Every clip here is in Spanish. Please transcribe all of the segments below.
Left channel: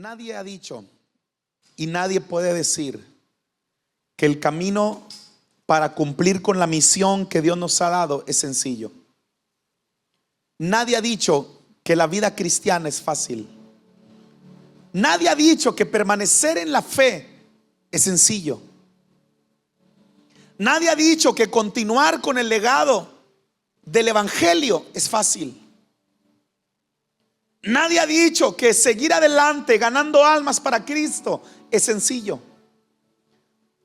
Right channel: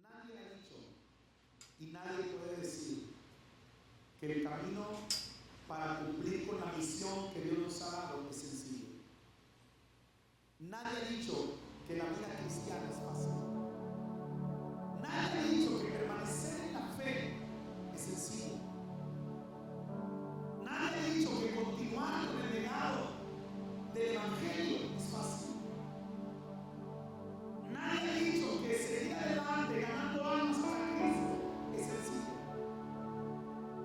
Nadie ha dicho y nadie puede decir que el camino para cumplir con la misión que Dios nos ha dado es sencillo. Nadie ha dicho que la vida cristiana es fácil. Nadie ha dicho que permanecer en la fe es sencillo. Nadie ha dicho que continuar con el legado del evangelio es fácil. Nadie ha dicho que seguir adelante ganando almas para Cristo es sencillo.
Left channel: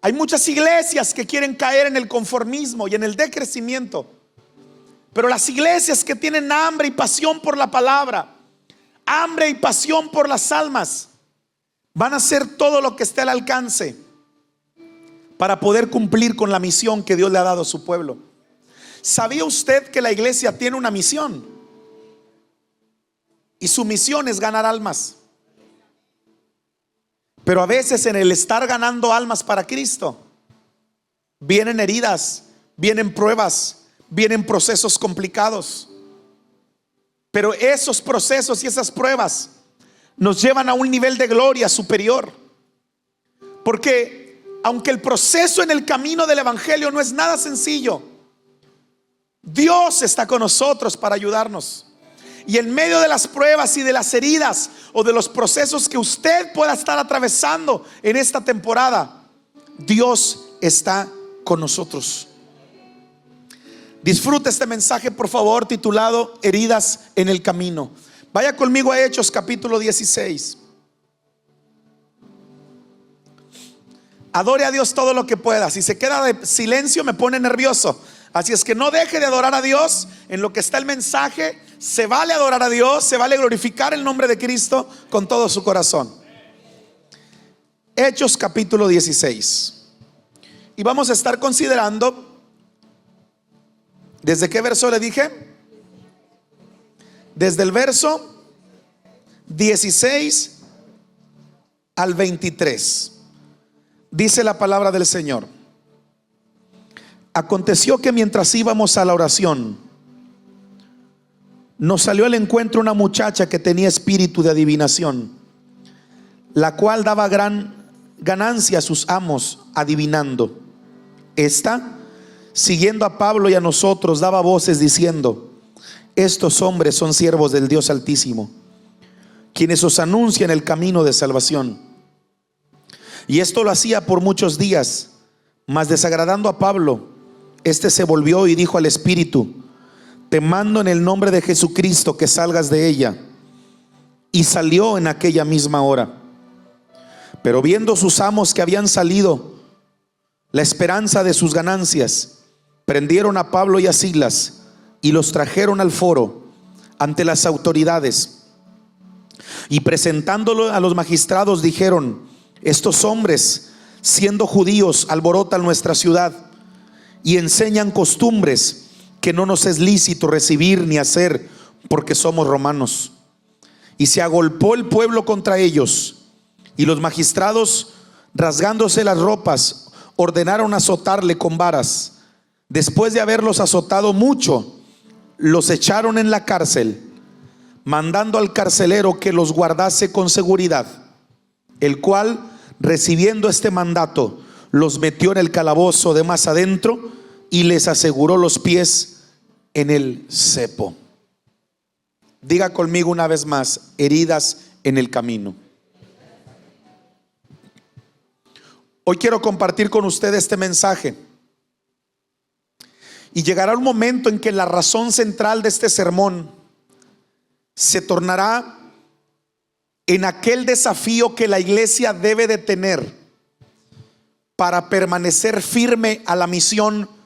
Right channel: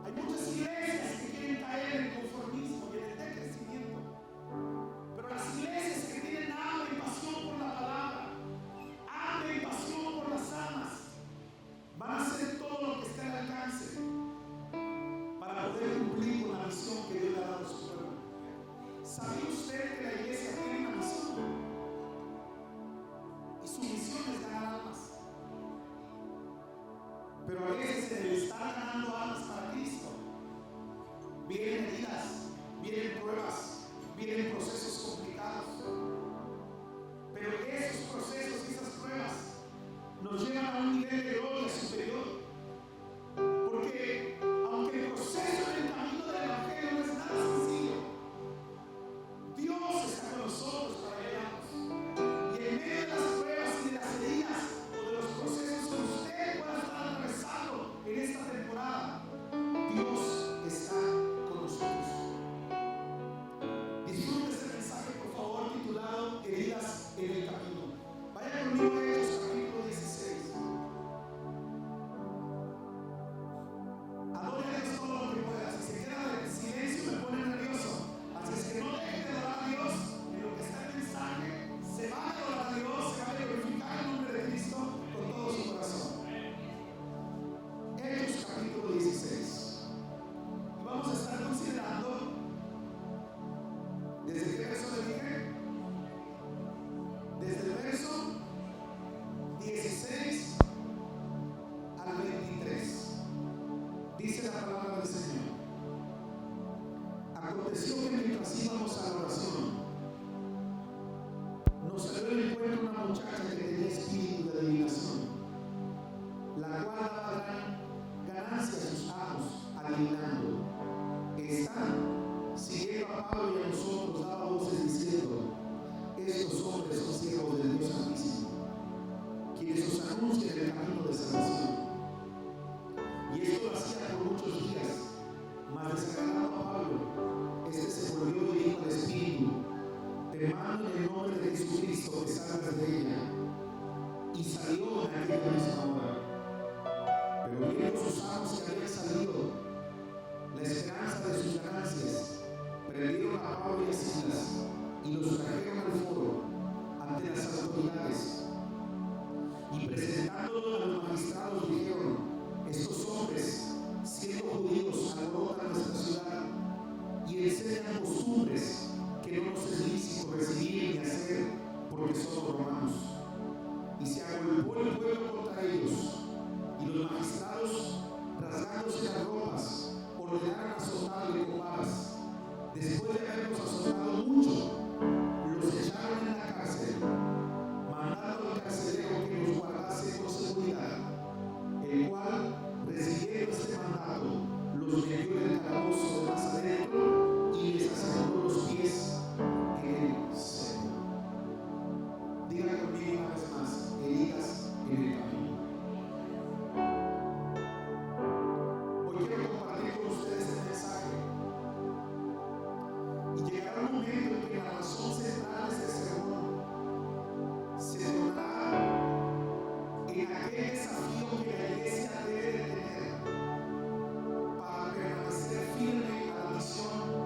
Hay muchas iglesias que quieren caer en el conformismo y en el decrecimiento, pero las iglesias que tienen hambre y pasión por la palabra, hambre y pasión por las almas, van a hacer todo lo que esté al alcance para poder cumplir con la misión que Dios le ha dado a su pueblo. ¿Sabía usted que la iglesia tiene una misión? Y su misión es ganar almas. Pero a veces en el estar ganando almas para Cristo, vienen heridas, vienen pruebas, vienen procesos complicados. Pero esos procesos y esas pruebas nos llevan a un nivel de gloria superior. Porque aunque el proceso en el camino del evangelio no es nada sencillo, Dios está con nosotros para ayudarnos. Y en medio de las pruebas y de las heridas o de los procesos que usted pueda estar atravesando en esta temporada, Dios está con nosotros. Disfruta este mensaje, por favor, titulado Heridas en el camino. Vaya conmigo a Hechos capítulo 16. Adore a Dios todo lo que pueda. Si se queda de silencio me pone nervioso. Así es que no deje de adorar a Dios. En lo que está el mensaje, se vale adorar a Dios, se vale glorificar el nombre de Cristo con todo su corazón. Hechos capítulo 16. Y vamos a estar considerando, ¿desde qué verso le dije? Desde el verso 16 al 23. Dice la palabra del Señor: aconteció que mientras íbamos a la oración, nos salió al encuentro una muchacha que tenía espíritu de adivinación, la cual daba gran ganancia a sus amos adivinando. Esta, siguiendo a Pablo y a nosotros, daba voces diciendo: estos hombres son siervos del Dios Altísimo, quienes os anuncian el camino de salvación. Y esto lo hacía por muchos días, mas desagradando a Pablo, este se volvió y dijo al espíritu: te mando en el nombre de Jesucristo que salgas de ella. Y salió en aquella misma hora. Pero viendo sus amos que habían salido la esperanza de sus ganancias, prendieron a Pablo y a Silas y los trajeron al foro ante las autoridades. Y presentándolo a los magistrados dijeron: estos hombres, siendo judíos, alborotan nuestra ciudad y enseñan costumbres que no nos es lícito recibir ni hacer, porque somos romanos. Y se agolpó el pueblo contra ellos, y los magistrados, rasgándose las ropas, ordenaron azotarle con varas. Después de haberlos azotado mucho, los echaron en la cárcel, mandando al carcelero que los guardase con seguridad, el cual, recibiendo este mandato, los metió en el calabozo de más adentro y les aseguró los pies en el cepo. Diga conmigo una vez más: heridas en el camino. Hoy quiero compartir con usted este mensaje, y llegará un momento en que la razón central de este sermón se tornará en aquel desafío que la iglesia debe de tener para permanecer firme a la misión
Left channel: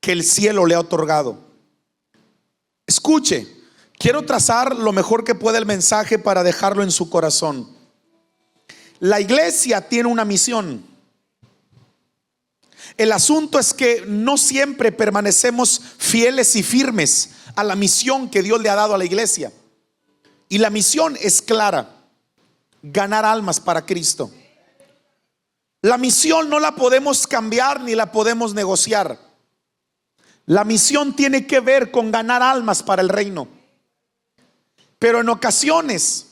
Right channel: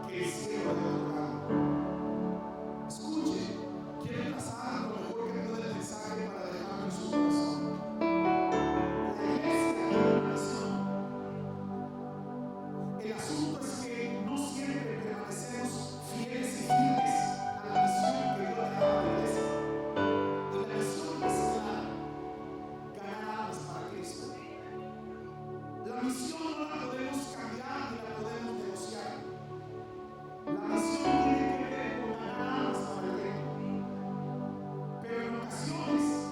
que el cielo le ha otorgado. Escuche, quiero trazar lo mejor que pueda el mensaje para dejarlo en su corazón. La iglesia tiene una misión. El asunto es que no siempre permanecemos fieles y firmes a la misión que Dios le ha dado a la iglesia. Y la misión es clara: ganar almas para Cristo. La misión no la podemos cambiar ni la podemos negociar. La misión tiene que ver con ganar almas para el reino. Pero en ocasiones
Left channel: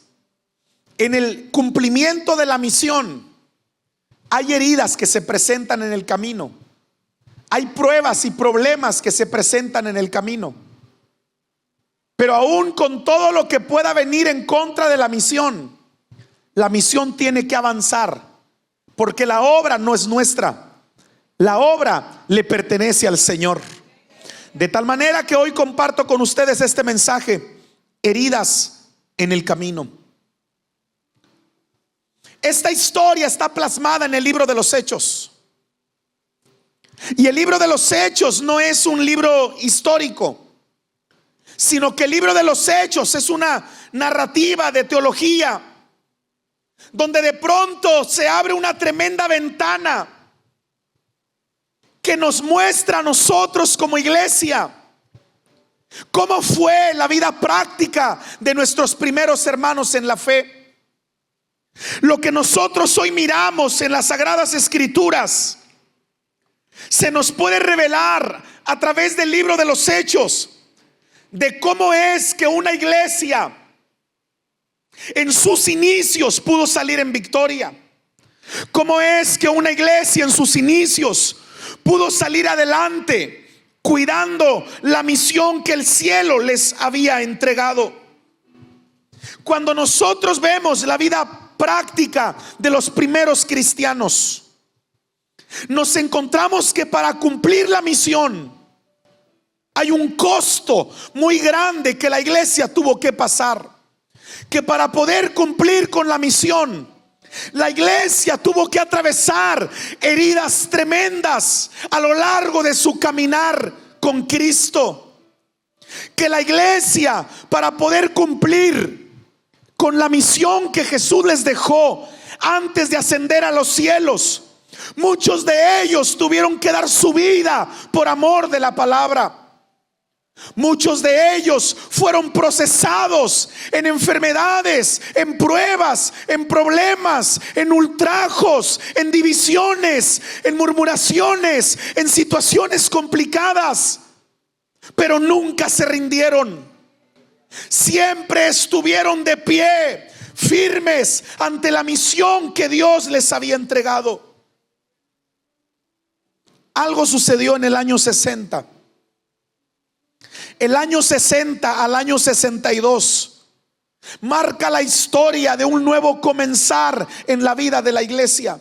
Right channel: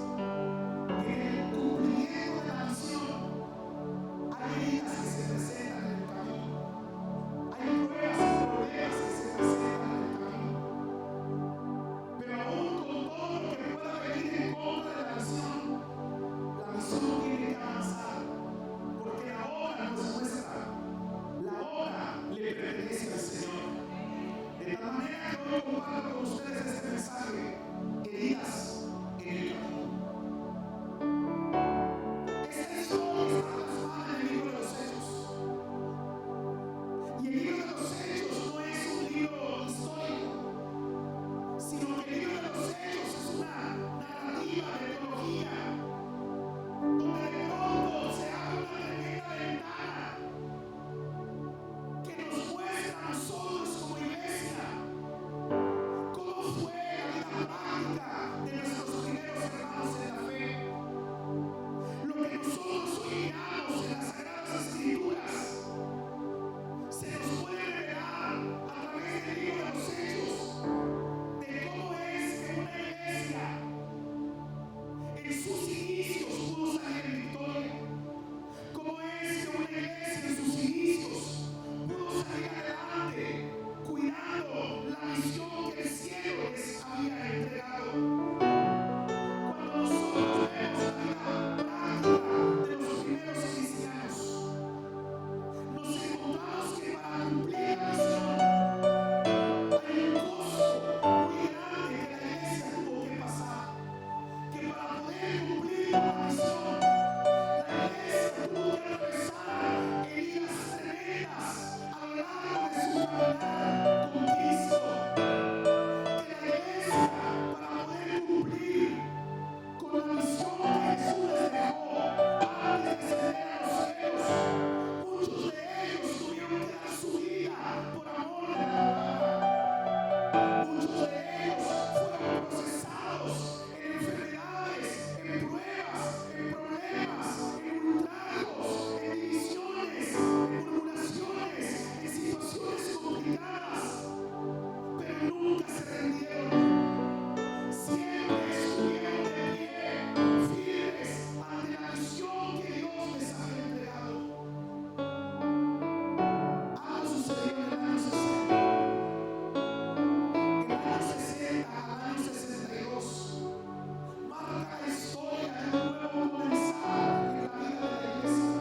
En el cumplimiento de la misión hay heridas que se presentan en el camino. Hay pruebas y problemas que se presentan en el camino. Pero aún con todo lo que pueda venir en contra de la misión tiene que avanzar, porque la obra no es nuestra. La obra le pertenece al Señor. De tal manera que hoy comparto con ustedes este mensaje: heridas en el camino. Esta historia está plasmada en el libro de los Hechos. Y el libro de los Hechos no es un libro histórico, sino que el libro de los Hechos es una narrativa de teología, donde de pronto se abre una tremenda ventana que nos muestra a nosotros como iglesia cómo fue la vida práctica de nuestros primeros hermanos en la fe. Lo que nosotros hoy miramos en las Sagradas Escrituras se nos puede revelar a través del libro de los Hechos, de cómo es que una iglesia en sus inicios pudo salir en victoria. Cómo es que una iglesia en sus inicios pudo salir adelante cuidando la misión que el cielo les había entregado. Cuando nosotros vemos la vida práctica de los primeros cristianos, nos encontramos que para cumplir la misión hay un costo muy grande que la iglesia tuvo que pasar. Que para poder cumplir con la misión, la iglesia tuvo que atravesar heridas tremendas a lo largo de su caminar con Cristo. Que la iglesia, para poder cumplir con la misión que Jesús les dejó antes de ascender a los cielos, muchos de ellos tuvieron que dar su vida por amor de la palabra. Muchos de ellos fueron procesados en enfermedades, en pruebas, en problemas, en ultrajos, en divisiones, en murmuraciones, en situaciones complicadas, pero nunca se rindieron. Siempre estuvieron de pie, firmes ante la misión que Dios les había entregado. Algo sucedió en el año 60. El año 60 al año 62 marca la historia de un nuevo comenzar en la vida de la iglesia.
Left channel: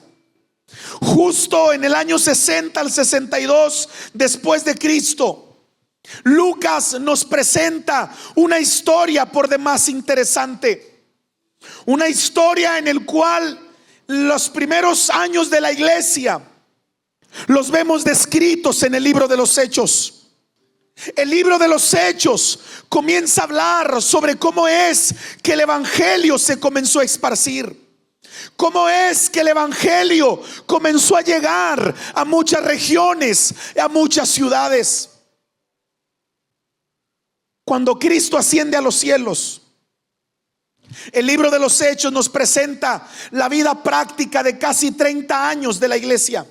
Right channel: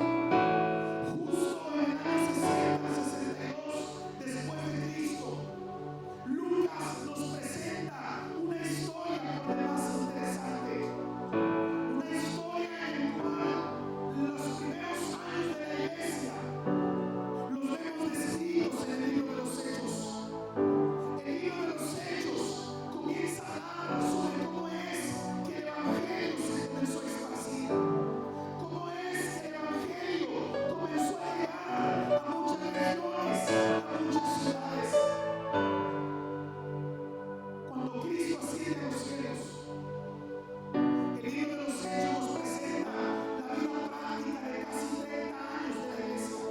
Justo en el año 60 al 62 después de Cristo, Lucas nos presenta una historia por demás interesante. Una historia en el cual los primeros años de la iglesia los vemos descritos en el libro de los Hechos. El libro de los Hechos comienza a hablar sobre cómo es que el evangelio se comenzó a esparcir, cómo es que el evangelio comenzó a llegar a muchas regiones, a muchas ciudades. Cuando Cristo asciende a los cielos, el libro de los Hechos nos presenta la vida práctica de casi 30 años de la iglesia.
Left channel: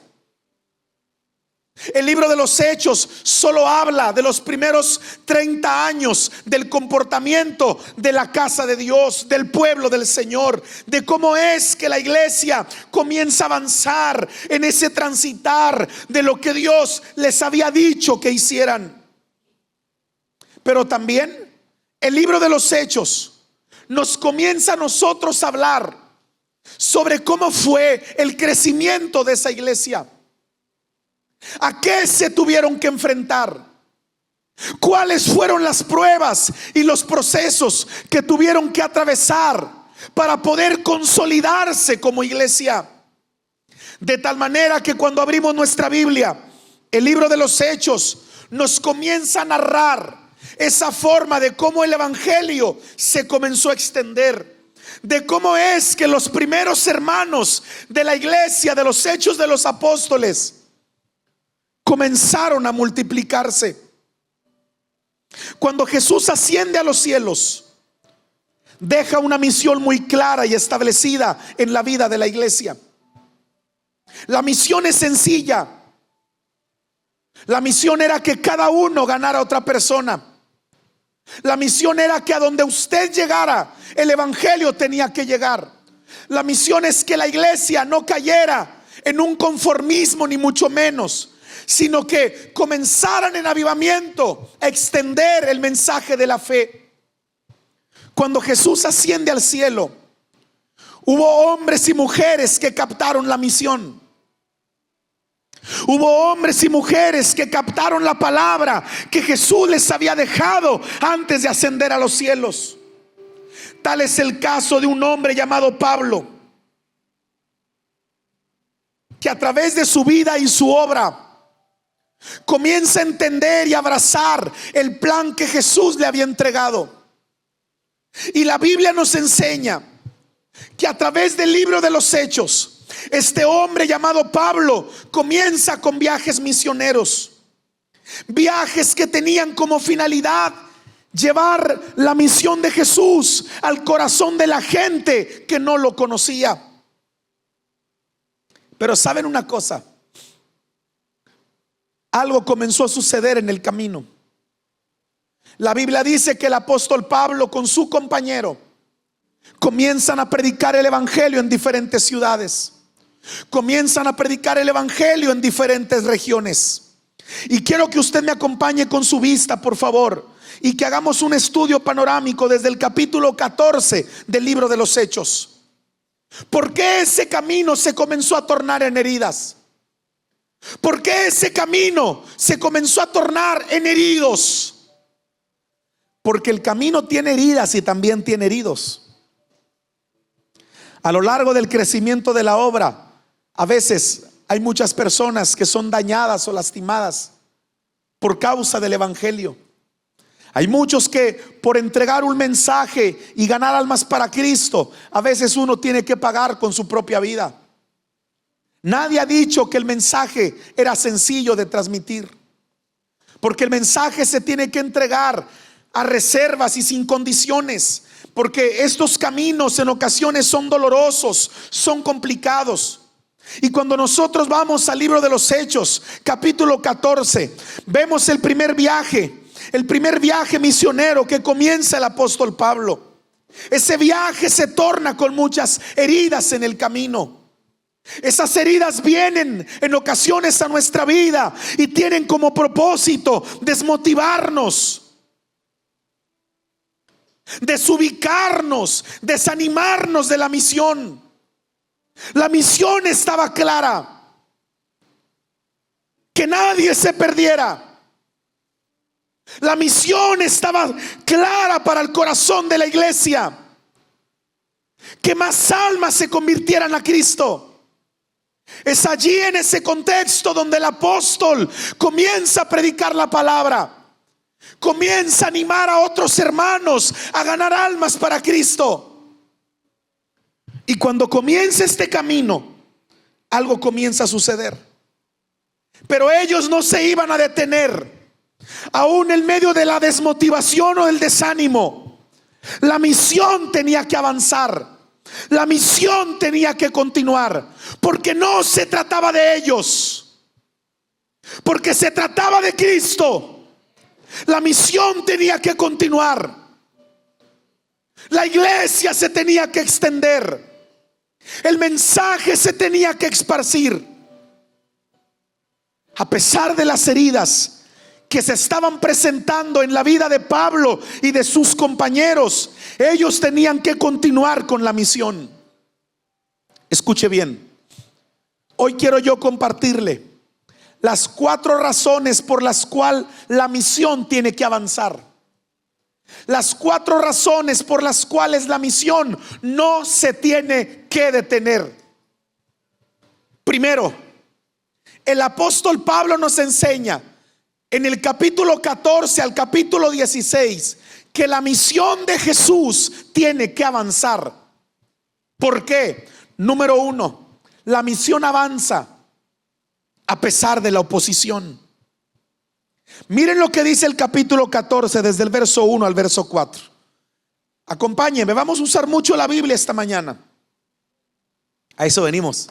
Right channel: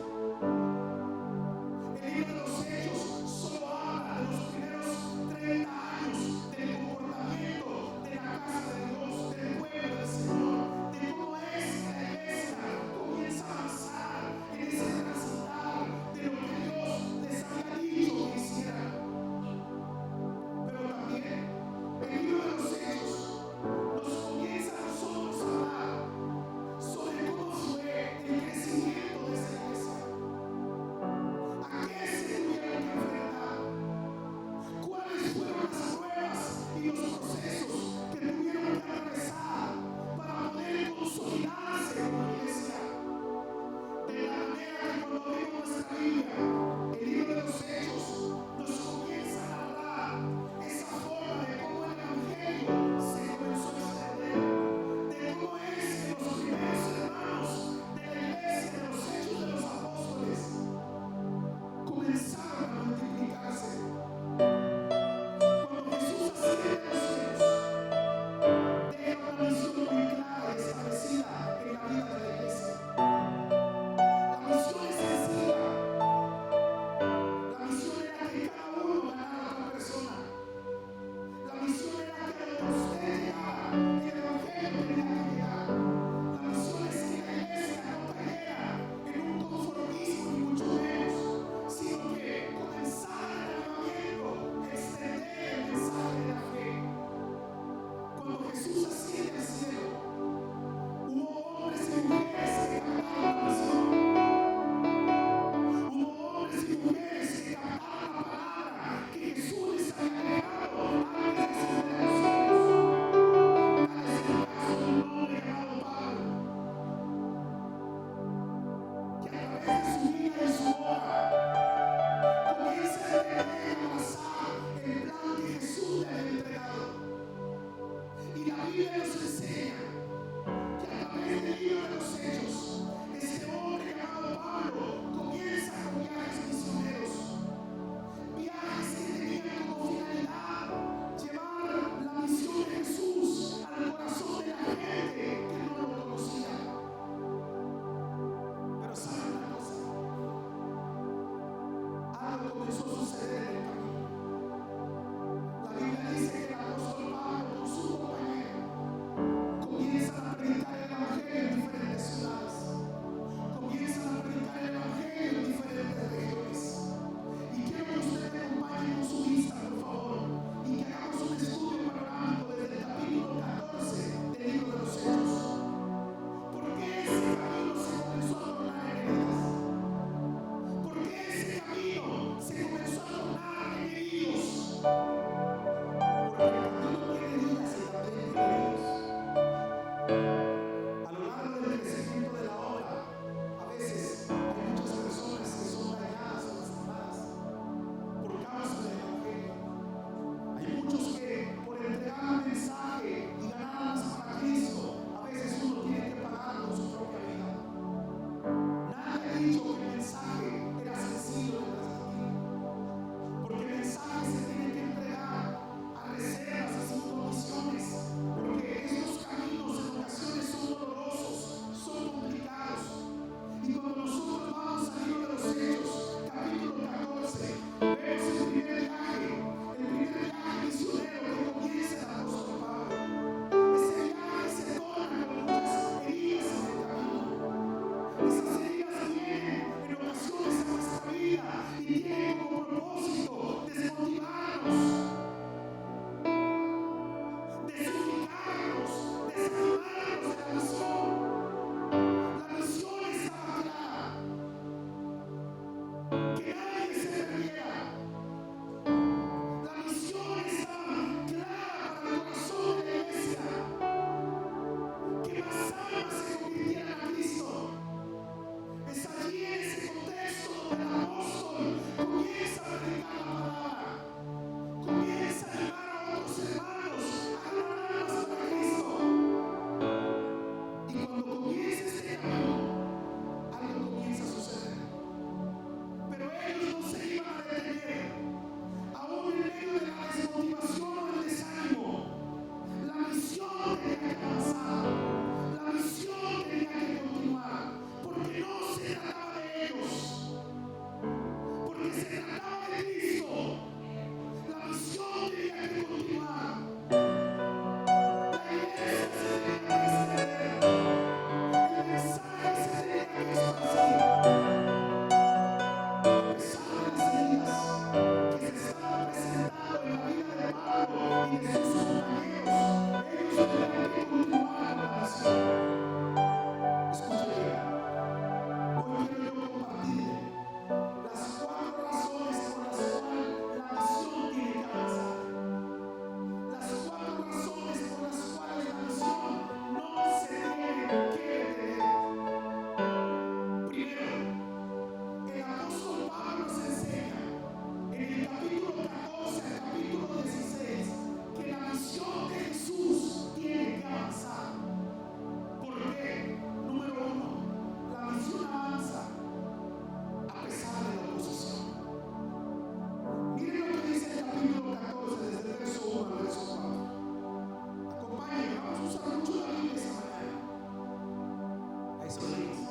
El libro de los Hechos solo habla de los primeros 30 años del comportamiento de la casa de Dios, del pueblo del Señor, de cómo es que la iglesia comienza a avanzar en ese transitar de lo que Dios les había dicho que hicieran. Pero también el libro de los Hechos nos comienza a nosotros a hablar sobre cómo fue el crecimiento de esa iglesia. ¿A qué se tuvieron que enfrentar? ¿Cuáles fueron las pruebas y los procesos que tuvieron que atravesar para poder consolidarse como iglesia? De tal manera que cuando abrimos nuestra Biblia, el libro de los Hechos nos comienza a narrar esa forma de cómo el evangelio se comenzó a extender, de cómo es que los primeros hermanos de la iglesia, de los Hechos de los Apóstoles, comenzaron a multiplicarse. Cuando Jesús asciende a los cielos, deja una misión muy clara y establecida en la vida de la iglesia. La misión es sencilla. La misión era que cada uno ganara a otra persona. La misión era que a donde usted llegara, el evangelio tenía que llegar. La misión es que la iglesia no cayera en un conformismo, ni mucho menos, sino que comenzaran en avivamiento a extender el mensaje de la fe. Cuando Jesús asciende al cielo, hubo hombres y mujeres que captaron la misión. Hubo hombres y mujeres que captaron la palabra que Jesús les había dejado antes de ascender a los cielos. Tal es el caso de un hombre llamado Pablo, que a través de su vida y su obra comienza a entender y abrazar el plan que Jesús le había entregado. Y la Biblia nos enseña que a través del libro de los Hechos, este hombre llamado Pablo comienza con viajes misioneros, viajes que tenían como finalidad llevar la misión de Jesús al corazón de la gente que no lo conocía. Pero ¿saben una cosa? Algo comenzó a suceder en el camino. La Biblia dice que el apóstol Pablo con su compañero comienzan a predicar el evangelio en diferentes ciudades. Comienzan a predicar el evangelio en diferentes regiones. Y quiero que usted me acompañe con su vista, por favor, y que hagamos un estudio panorámico desde el capítulo 14 del libro de los Hechos. ¿Por qué ese camino se comenzó a tornar en heridas? ¿Por qué ese camino se comenzó a tornar en heridos? Porque el camino tiene heridas y también tiene heridos. A lo largo del crecimiento de la obra, a veces hay muchas personas que son dañadas o lastimadas por causa del evangelio. Hay muchos que por entregar un mensaje y ganar almas para Cristo, a veces uno tiene que pagar con su propia vida. Nadie ha dicho que el mensaje era sencillo de transmitir, porque el mensaje se tiene que entregar a reservas y sin condiciones, porque estos caminos en ocasiones son dolorosos, son complicados. Y cuando nosotros vamos al libro de los Hechos, capítulo 14, vemos el primer viaje misionero que comienza el apóstol Pablo. Ese viaje se torna con muchas heridas en el camino. Esas heridas vienen en ocasiones a nuestra vida y tienen como propósito desmotivarnos, desubicarnos, desanimarnos de la misión. La misión estaba clara: que nadie se perdiera. La misión estaba clara para el corazón de la iglesia: que más almas se convirtieran a Cristo. Es allí, en ese contexto, donde el apóstol comienza a predicar la palabra, comienza a animar a otros hermanos a ganar almas para Cristo. Y cuando comienza este camino, algo comienza a suceder. Pero ellos no se iban a detener, aún en medio de la desmotivación o del desánimo. La misión tenía que avanzar, la misión tenía que continuar, porque no se trataba de ellos, porque se trataba de Cristo. La misión tenía que continuar, la iglesia se tenía que extender, el mensaje se tenía que esparcir. A pesar de las heridas que se estaban presentando en la vida de Pablo y de sus compañeros, ellos tenían que continuar con la misión. Escuche bien, hoy quiero yo compartirle las 4 razones por las cuales la misión tiene que avanzar. Las 4 razones por las cuales la misión no se tiene que detener. Primero, el apóstol Pablo nos enseña en el capítulo 14 al capítulo 16 que la misión de Jesús tiene que avanzar. ¿Por qué? Número 1, la misión avanza a pesar de la oposición. Miren lo que dice el capítulo 14 desde el verso 1 al verso 4. Acompáñenme, vamos a usar mucho la Biblia esta mañana. A eso venimos,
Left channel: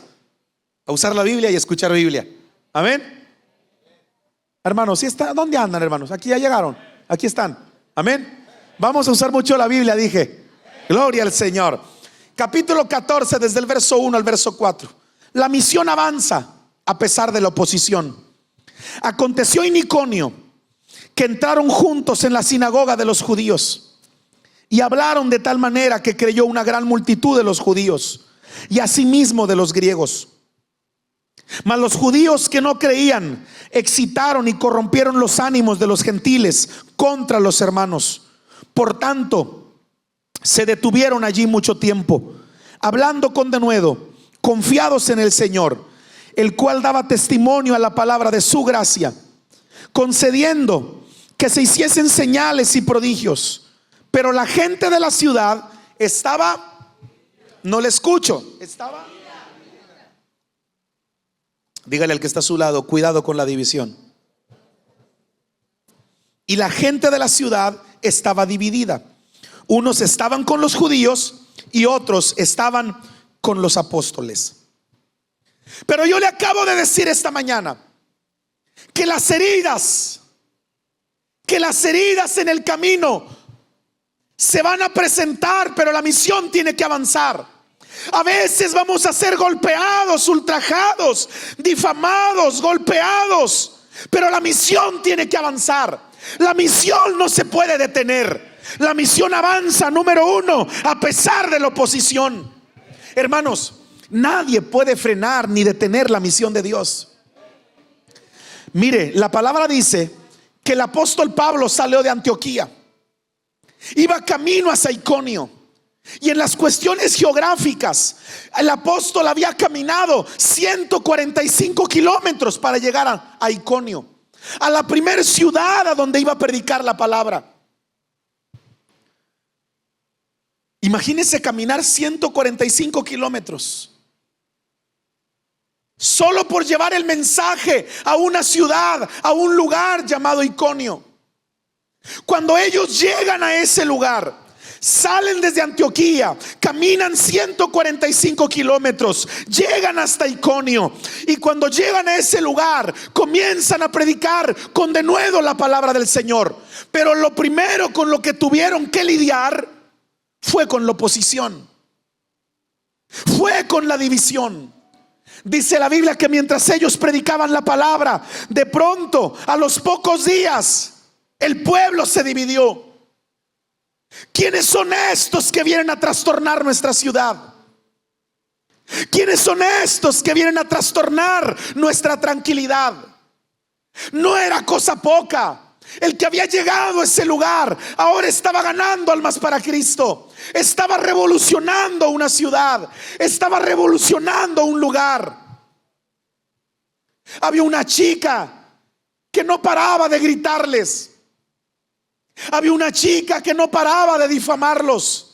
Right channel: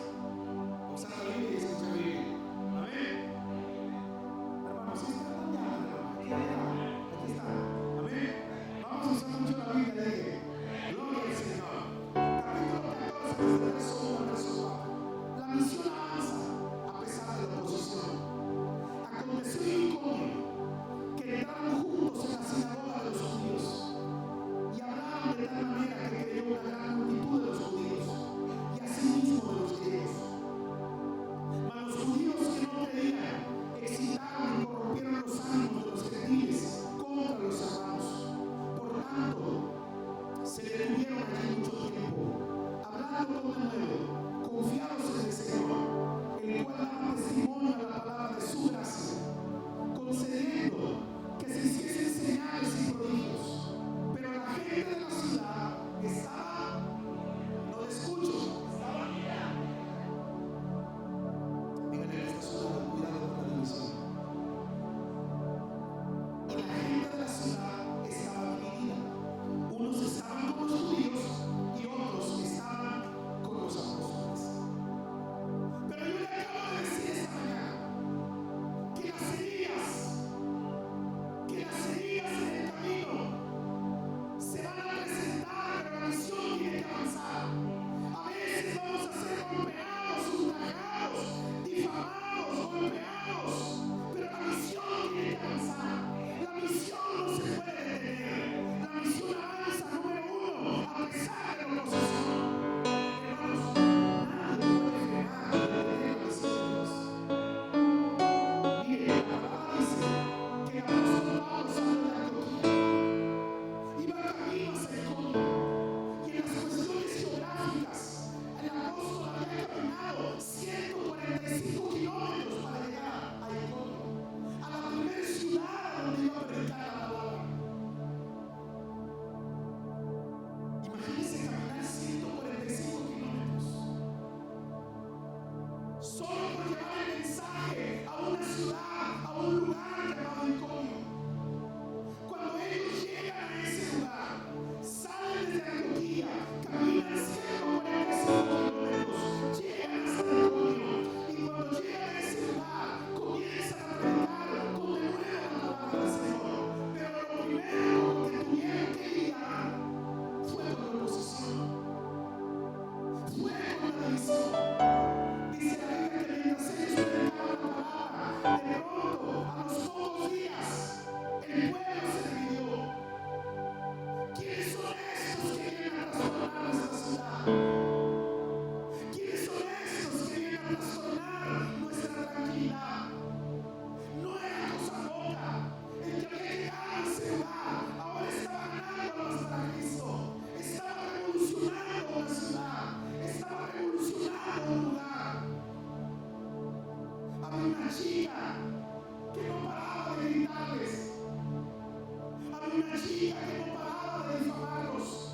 a usar la Biblia y escuchar Biblia. Amén. Hermanos, ¿sí está? ¿Dónde andan, hermanos? Aquí ya llegaron, aquí están. Amén. Vamos a usar mucho la Biblia, dije. Gloria al Señor. capítulo 14, desde el verso 1 al verso 4. La misión avanza a pesar de la oposición. Aconteció en Iconio que entraron juntos en la sinagoga de los judíos y hablaron de tal manera que creyó una gran multitud de los judíos y asimismo de los griegos. Mas los judíos que no creían excitaron y corrompieron los ánimos de los gentiles contra los hermanos. Por tanto, se detuvieron allí mucho tiempo, hablando con denuedo, confiados en el Señor, el cual daba testimonio a la palabra de su gracia, concediendo que se hiciesen señales y prodigios. Pero la gente de la ciudad estaba, no le escucho, estaba, dígale al que está a su lado, cuidado con la división. Y la gente de la ciudad estaba dividida. Unos estaban con los judíos y otros estaban con los apóstoles. Pero yo le acabo de decir esta mañana que las heridas en el camino se van a presentar, pero la misión tiene que avanzar. A veces vamos a ser golpeados, ultrajados, difamados, golpeados, pero la misión tiene que avanzar. La misión no se puede detener. La misión avanza, número uno, a pesar de la oposición. Hermanos, nadie puede frenar ni detener la misión de Dios. Mire, la palabra dice que el apóstol Pablo salió de Antioquía, iba camino hacia Iconio, y en las cuestiones geográficas el apóstol había caminado 145 kilómetros para llegar a Iconio, a la primera ciudad a donde iba a predicar la palabra. Imagínense caminar 145 kilómetros solo por llevar el mensaje a una ciudad, a un lugar llamado Iconio. Cuando ellos llegan a ese lugar, salen desde Antioquía, caminan 145 kilómetros, llegan hasta Iconio, y cuando llegan a ese lugar comienzan a predicar con denuedo la palabra del Señor. Pero lo primero con lo que tuvieron que lidiar fue con la oposición, fue con la división. Dice la Biblia que mientras ellos predicaban la palabra, de pronto, a los pocos días, el pueblo se dividió. ¿Quiénes son estos que vienen a trastornar nuestra ciudad? ¿Quiénes son estos que vienen a trastornar nuestra tranquilidad? No era cosa poca. El que había llegado a ese lugar ahora estaba ganando almas para Cristo. Estaba revolucionando una ciudad, estaba revolucionando un lugar. Había una chica que no paraba de gritarles. Había una chica que no paraba de difamarlos.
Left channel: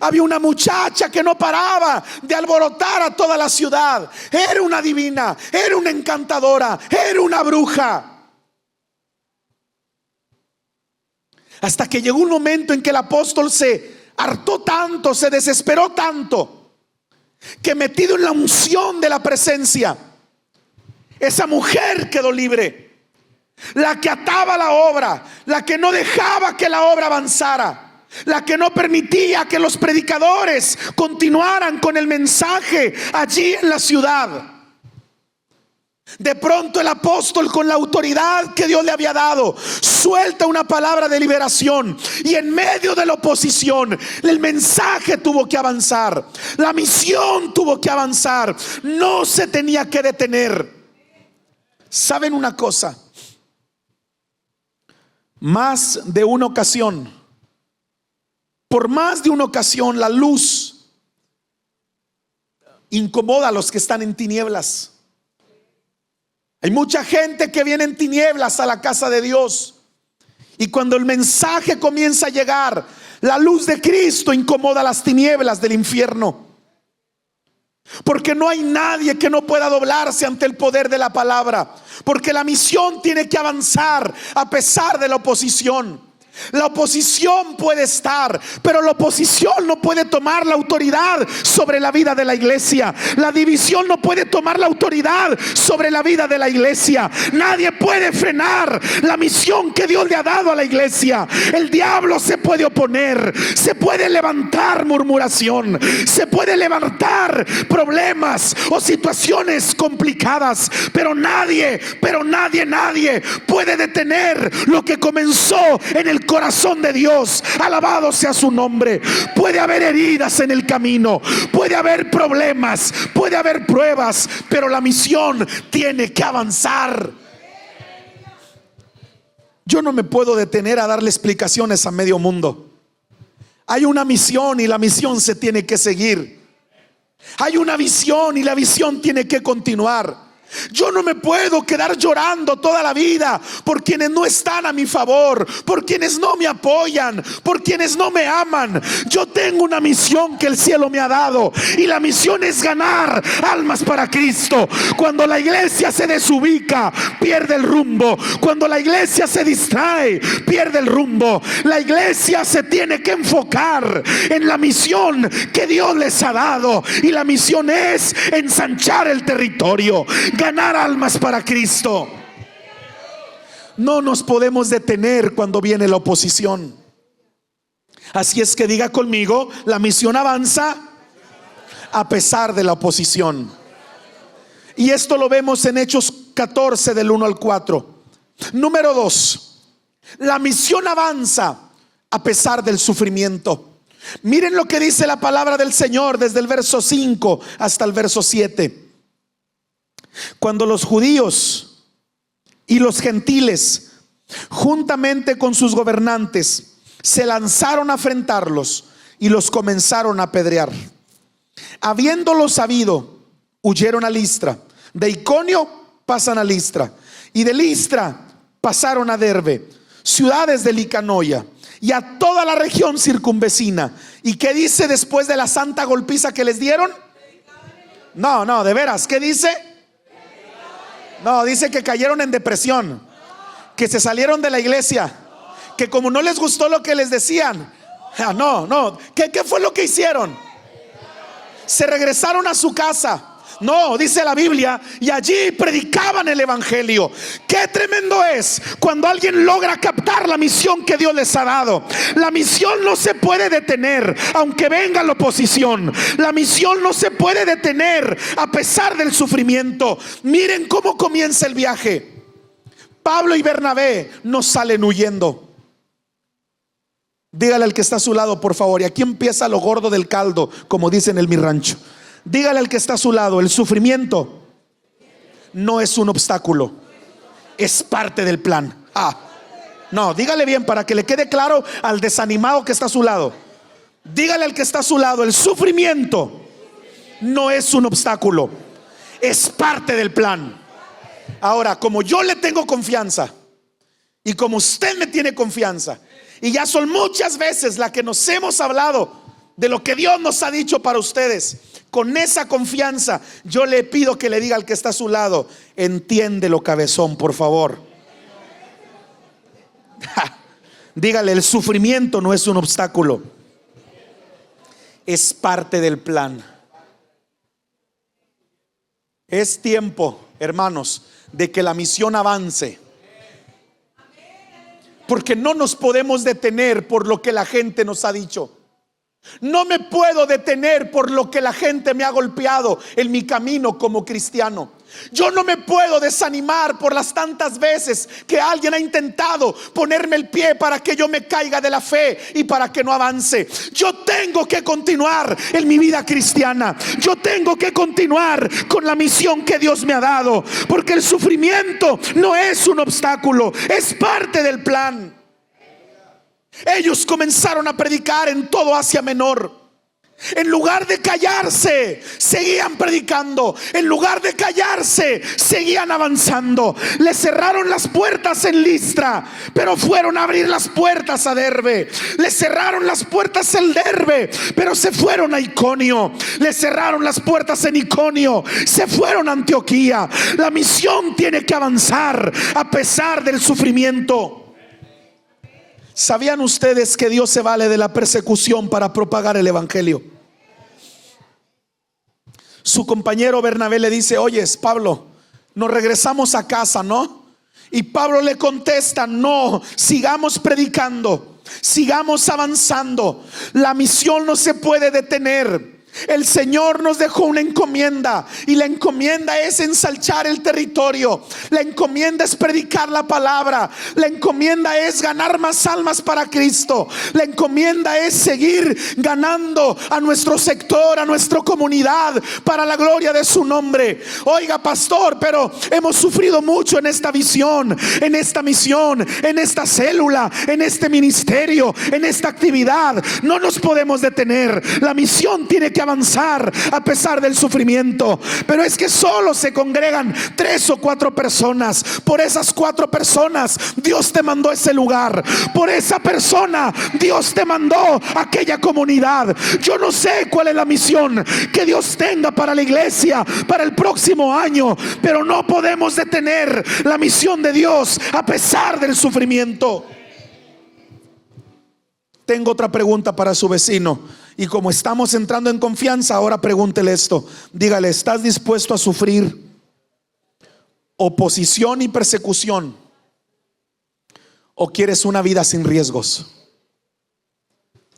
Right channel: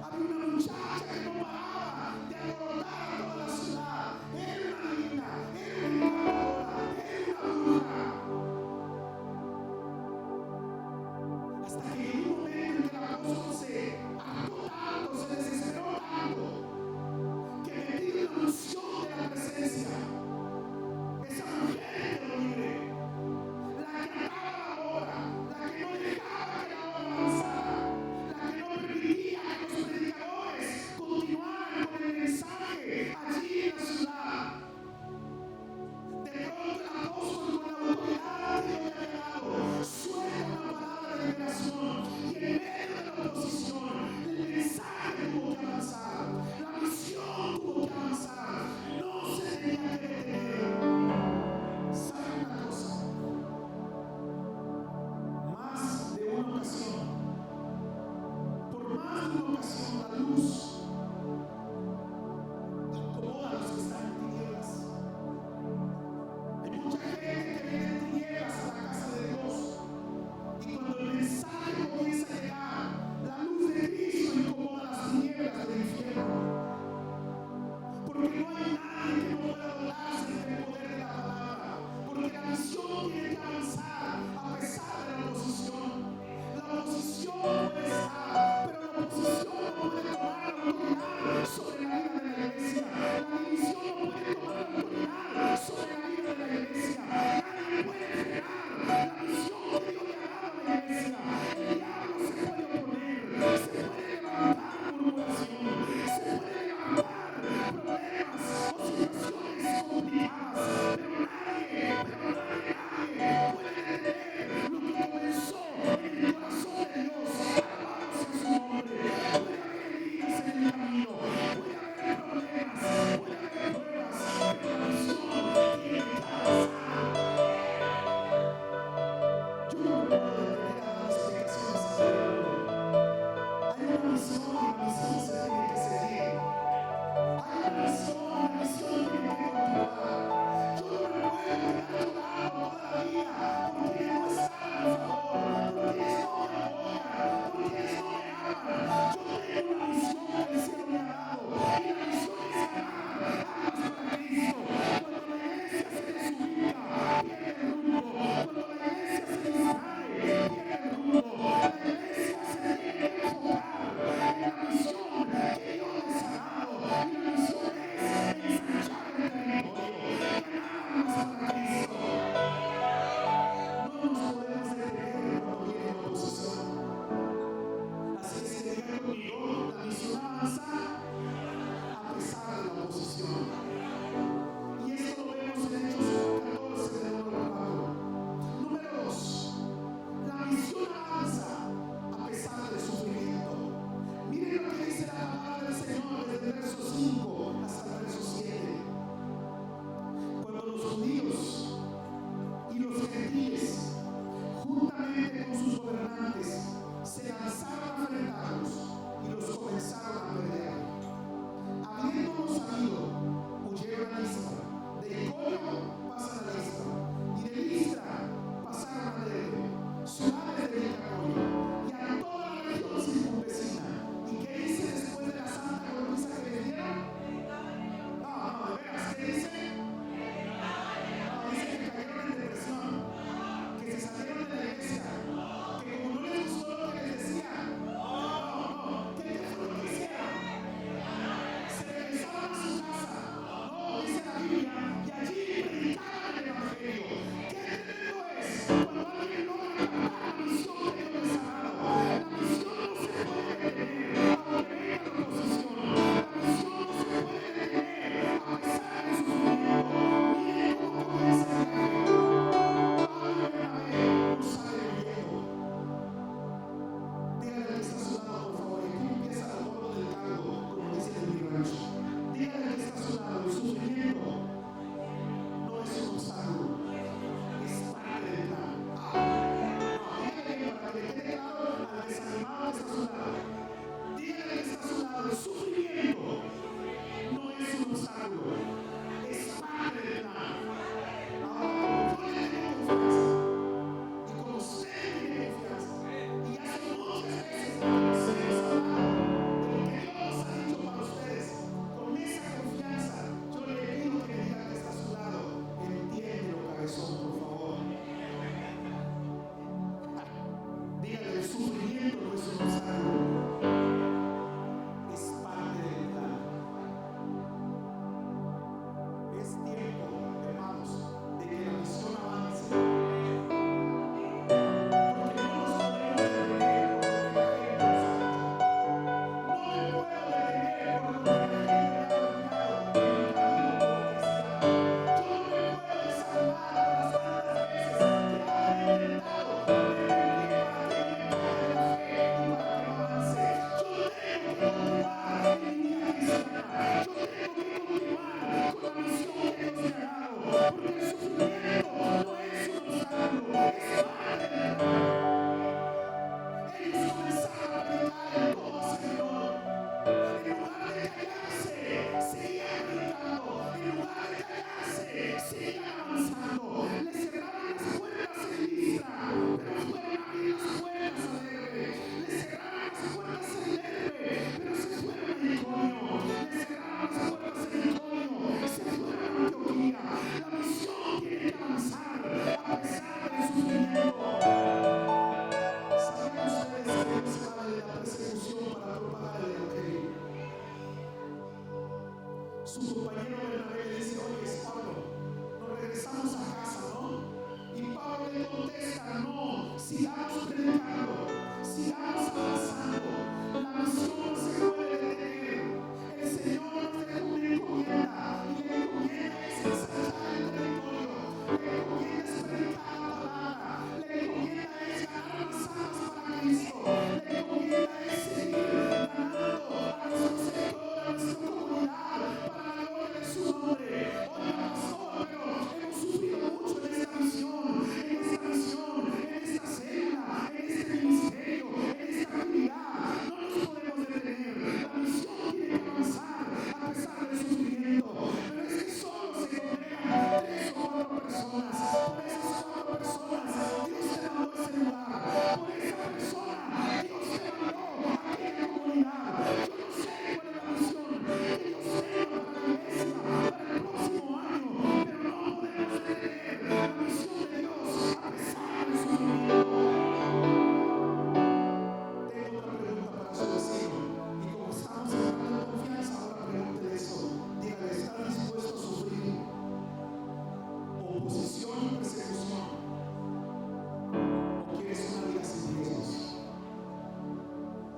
Había una muchacha que no paraba de alborotar a toda la ciudad. Era una divina, era una encantadora, era una bruja. Hasta que llegó un momento en que el apóstol se hartó tanto, se desesperó tanto, que metido en la unción de la presencia, esa mujer quedó libre. La que ataba la obra, la que no dejaba que la obra avanzara, la que no permitía que los predicadores continuaran con el mensaje allí en la ciudad. De pronto el apóstol, con la autoridad que Dios le había dado, suelta una palabra de liberación, y en medio de la oposición el mensaje tuvo que avanzar, la misión tuvo que avanzar, no se tenía que detener. ¿Saben una cosa? Más de una ocasión, por más de una ocasión, la luz incomoda a los que están en tinieblas. Hay mucha gente que viene en tinieblas a la casa de Dios, y cuando el mensaje comienza a llegar, la luz de Cristo incomoda las tinieblas del infierno. Porque no hay nadie que no pueda doblarse ante el poder de la palabra, porque la misión tiene que avanzar a pesar de la oposición. La oposición puede estar, pero la oposición no puede tomar la autoridad sobre la vida de la iglesia. La división no puede tomar la autoridad sobre la vida de la iglesia. Nadie puede frenar la misión que Dios le ha dado a la iglesia. El diablo se puede oponer, se puede levantar murmuración, se puede levantar problemas o situaciones complicadas, pero nadie puede detener lo que comenzó en el corazón de Dios. Alabado sea su nombre. Puede haber heridas en el camino, puede haber problemas, puede haber pruebas, pero la misión tiene que avanzar. Yo no me puedo detener a darle explicaciones a medio mundo. Hay una misión y la misión se tiene que seguir. Hay una visión y la visión tiene que continuar. Yo no me puedo quedar llorando toda la vida por quienes no están a mi favor, por quienes no me apoyan, por quienes no me aman. Yo tengo una misión que el cielo me ha dado, y la misión es ganar almas para Cristo. Cuando la iglesia se desubica, pierde el rumbo. Cuando la iglesia se distrae, pierde el rumbo. La iglesia se tiene que enfocar en la misión que Dios les ha dado, y la misión es ensanchar el territorio, ganar almas para Cristo. No nos podemos detener cuando viene la oposición. Así es que diga conmigo: la misión avanza a pesar de la oposición. Y esto lo vemos en Hechos 14 del 1 al 4. Número 2, la misión avanza a pesar del sufrimiento. Miren lo que dice la palabra del Señor desde el verso 5 hasta el verso 7. Cuando los judíos y los gentiles, juntamente con sus gobernantes, se lanzaron a afrentarlos y los comenzaron a apedrear, habiéndolo sabido, huyeron a Listra. De Iconio pasan a Listra, y de Listra pasaron a Derbe, ciudades de Licaonia, y a toda la región circunvecina. ¿Y qué dice después de la santa golpiza que les dieron? No, de veras, ¿qué dice? No, dice que cayeron en depresión, que se salieron de la iglesia, que como no les gustó lo que les decían, ¿qué fue lo que hicieron? Se regresaron a su casa. No, dice la Biblia, y allí predicaban el evangelio. Qué tremendo es cuando alguien logra captar la misión que Dios les ha dado. La misión no se puede detener aunque venga la oposición. La misión no se puede detener a pesar del sufrimiento. Miren cómo comienza el viaje. Pablo y Bernabé no salen huyendo. Dígale al que está a su lado, por favor. Y aquí empieza lo gordo del caldo, como dicen en mi rancho. Dígale al que está a su lado: el sufrimiento no es un obstáculo, es parte del plan. No, dígale bien para que le quede claro al desanimado que está a su lado. Dígale al que está a su lado: el sufrimiento no es un obstáculo, es parte del plan. Ahora, como yo le tengo confianza y como usted me tiene confianza, y ya son muchas veces las que nos hemos hablado de lo que Dios nos ha dicho para ustedes, con esa confianza yo le pido que le diga al que está a su lado: entiéndelo, cabezón, por favor. Dígale: el sufrimiento no es un obstáculo, es parte del plan. Es tiempo, hermanos, de que la misión avance, porque no nos podemos detener por lo que la gente nos ha dicho. No me puedo detener por lo que la gente me ha golpeado en mi camino como cristiano. Yo no me puedo desanimar por las tantas veces que alguien ha intentado ponerme el pie para que yo me caiga de la fe y para que no avance. Yo tengo que continuar en mi vida cristiana. Yo tengo que continuar con la misión que Dios me ha dado, porque el sufrimiento no es un obstáculo, es parte del plan. Ellos comenzaron a predicar en todo Asia Menor. En lugar de callarse, seguían predicando. En lugar de callarse, seguían avanzando. Le cerraron las puertas en Listra, pero fueron a abrir las puertas a Derbe. Le cerraron las puertas en Derbe, pero se fueron a Iconio. Le cerraron las puertas en Iconio, se fueron a Antioquía. La misión tiene que avanzar a pesar del sufrimiento. ¿Sabían ustedes que Dios se vale de la persecución para propagar el evangelio? Su compañero Bernabé le dice: oyes, Pablo, nos regresamos a casa, ¿no? Y Pablo le contesta: no, sigamos predicando, sigamos avanzando. La misión no se puede detener. El Señor nos dejó una encomienda, y la encomienda es ensanchar el territorio. La encomienda es predicar la palabra. La encomienda es ganar más almas para Cristo. La encomienda es seguir ganando a nuestro sector, a nuestra comunidad, para la gloria de su nombre. Oiga, pastor, pero hemos sufrido mucho en esta visión, en esta misión, en esta célula, en este ministerio, en esta actividad. No nos podemos detener. La misión tiene que avanzar a pesar del sufrimiento. Pero es que solo se congregan 3 o 4 personas. Por esas 4 personas Dios te mandó a ese lugar. Por esa persona Dios te mandó a aquella comunidad. Yo no sé cuál es la misión que Dios tenga para la iglesia para el próximo año, pero no podemos detener la misión de Dios a pesar del sufrimiento. Tengo otra pregunta para su vecino, y como estamos entrando en confianza, ahora pregúntele esto. Dígale: ¿estás dispuesto a sufrir oposición y persecución, o quieres una vida sin riesgos?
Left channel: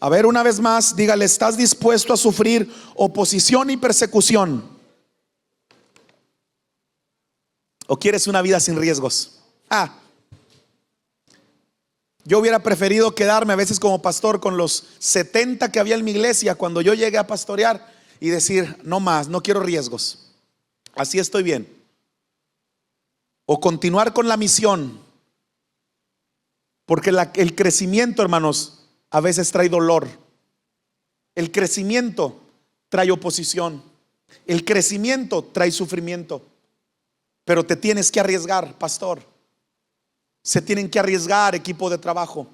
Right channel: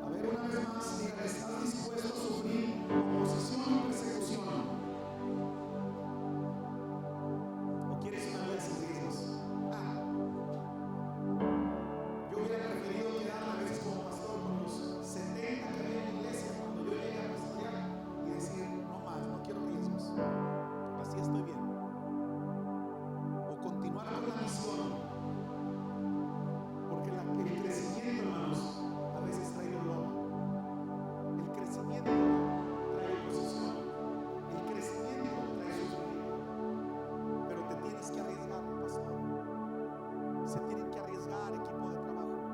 A ver, una vez más, dígale: ¿estás dispuesto a sufrir oposición y persecución, o quieres una vida sin riesgos? Yo hubiera preferido quedarme a veces como pastor con los 70 que había en mi iglesia cuando yo llegué a pastorear, y decir: no más, no quiero riesgos, así estoy bien. O continuar con la misión, porque el crecimiento, hermanos, a veces trae dolor. El crecimiento trae oposición. El crecimiento trae sufrimiento. Pero te tienes que arriesgar, pastor. Se tienen que arriesgar, equipo de trabajo.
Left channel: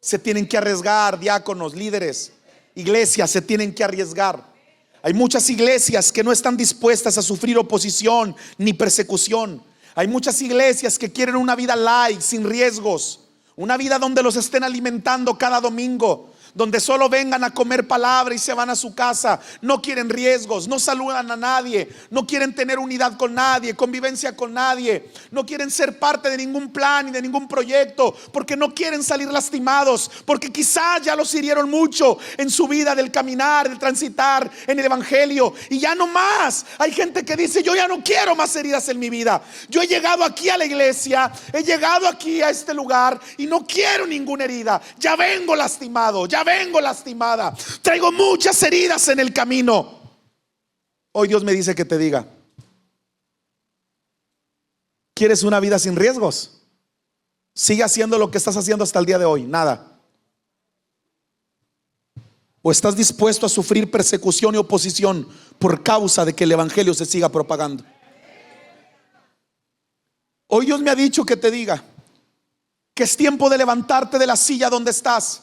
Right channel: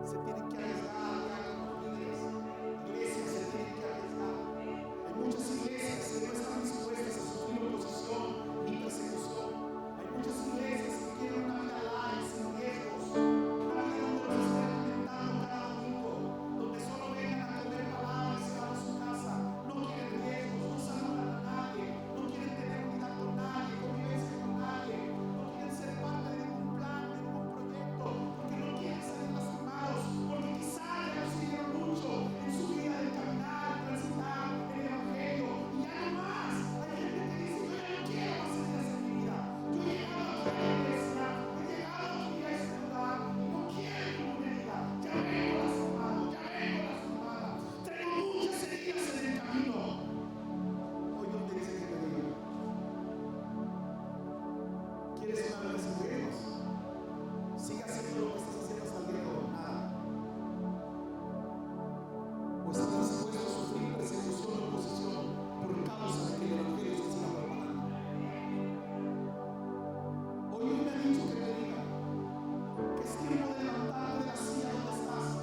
Se tienen que arriesgar, diáconos, líderes. Iglesias se tienen que arriesgar. Hay muchas iglesias que no están dispuestas a sufrir oposición ni persecución. Hay muchas iglesias que quieren una vida light, sin riesgos. Una vida donde los estén alimentando cada domingo, donde solo vengan a comer palabra y se van a su casa. No quieren riesgos, no saludan a nadie, no quieren tener unidad con nadie, convivencia con nadie. No quieren ser parte de ningún plan ni de ningún proyecto, porque no quieren salir lastimados, porque quizás ya los hirieron mucho en su vida del caminar, del transitar en el evangelio. Y ya no más. Hay gente que dice: yo ya no quiero más heridas en mi vida. Yo he llegado aquí a la iglesia, he llegado aquí a este lugar, y no quiero ninguna herida. Ya vengo lastimado, ya vengo lastimada. Traigo muchas heridas en el camino. Hoy Dios me dice que te diga: ¿quieres una vida sin riesgos? Sigue haciendo lo que estás haciendo hasta el día de hoy, nada. ¿O estás dispuesto a sufrir persecución y oposición por causa de que el evangelio se siga propagando? Hoy Dios me ha dicho que te diga que es tiempo de levantarte de la silla donde estás,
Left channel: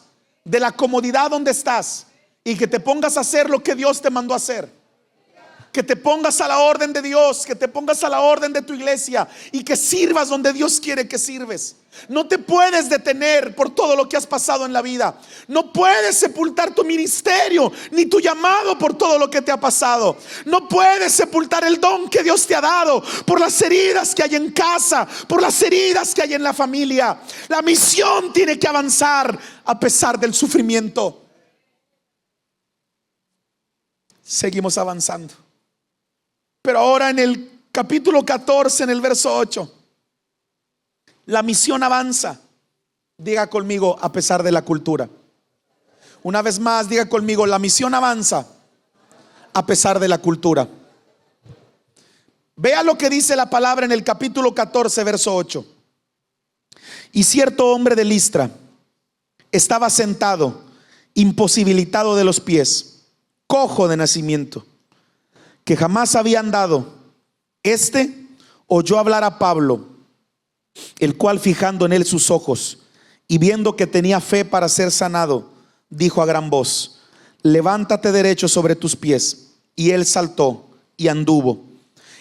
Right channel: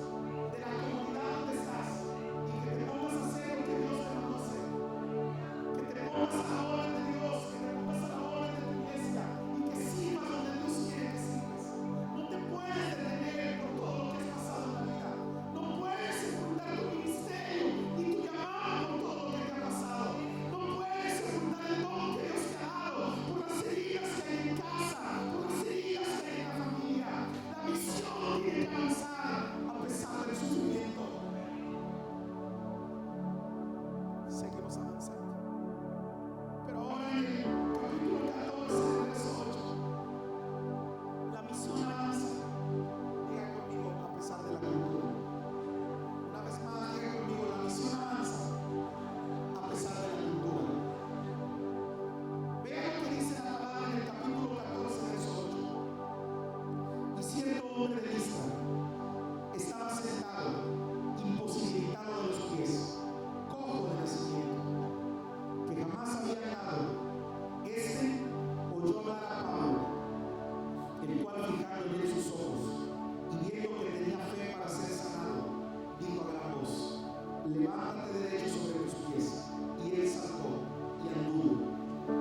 de la comodidad donde estás, y que te pongas a hacer lo que Dios te mandó a hacer. Que te pongas a la orden de Dios, que te pongas a la orden de tu iglesia, y que sirvas donde Dios quiere que sirves. No te puedes detener por todo lo que has pasado en la vida. No puedes sepultar tu ministerio ni tu llamado por todo lo que te ha pasado. No puedes sepultar el don que Dios te ha dado por las heridas que hay en casa, por las heridas que hay en la familia. La misión tiene que avanzar a pesar del sufrimiento. Seguimos avanzando. Pero ahora en el capítulo 14, en el verso 8, la misión avanza. Diga conmigo: a pesar de la cultura. Una vez más, diga conmigo: la misión avanza a pesar de la cultura. Vea lo que dice la palabra en el capítulo 14, verso 8. Y cierto hombre de Listra estaba sentado, imposibilitado de los pies, cojo de nacimiento, que jamás había andado. Este oyó hablar a Pablo, el cual, fijando en él sus ojos y viendo que tenía fe para ser sanado, dijo a gran voz: levántate derecho sobre tus pies. Y él saltó y anduvo.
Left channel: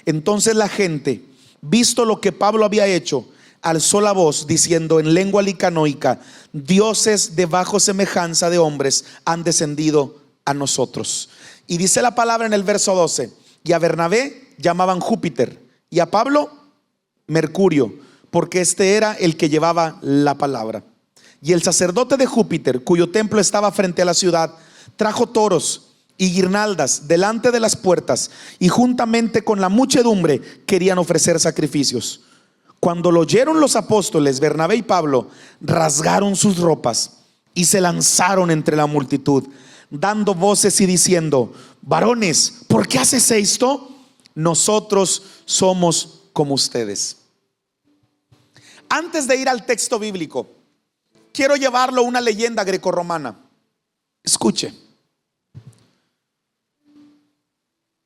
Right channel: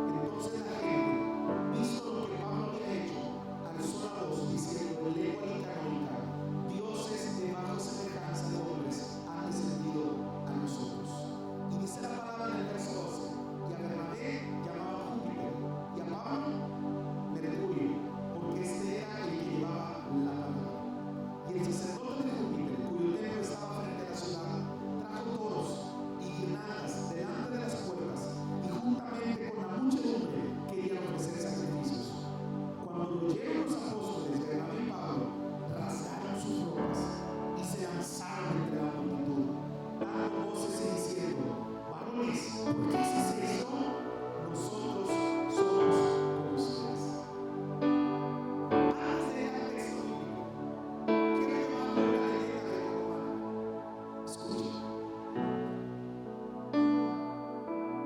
Entonces la gente, visto lo que Pablo había hecho, alzó la voz diciendo en lengua licanoica: dioses de bajo semejanza de hombres han descendido a nosotros. Y dice la palabra en el verso 12: y a Bernabé llamaban Júpiter y a Pablo Mercurio, porque este era el que llevaba la palabra. Y el sacerdote de Júpiter, cuyo templo estaba frente a la ciudad, trajo toros y guirnaldas delante de las puertas, y juntamente con la muchedumbre querían ofrecer sacrificios. Cuando lo oyeron los apóstoles, Bernabé y Pablo rasgaron sus ropas y se lanzaron entre la multitud, dando voces y diciendo: varones, ¿por qué haces esto? Nosotros somos como ustedes. Antes de ir al texto bíblico, quiero llevarlo a una leyenda grecorromana. Escuche.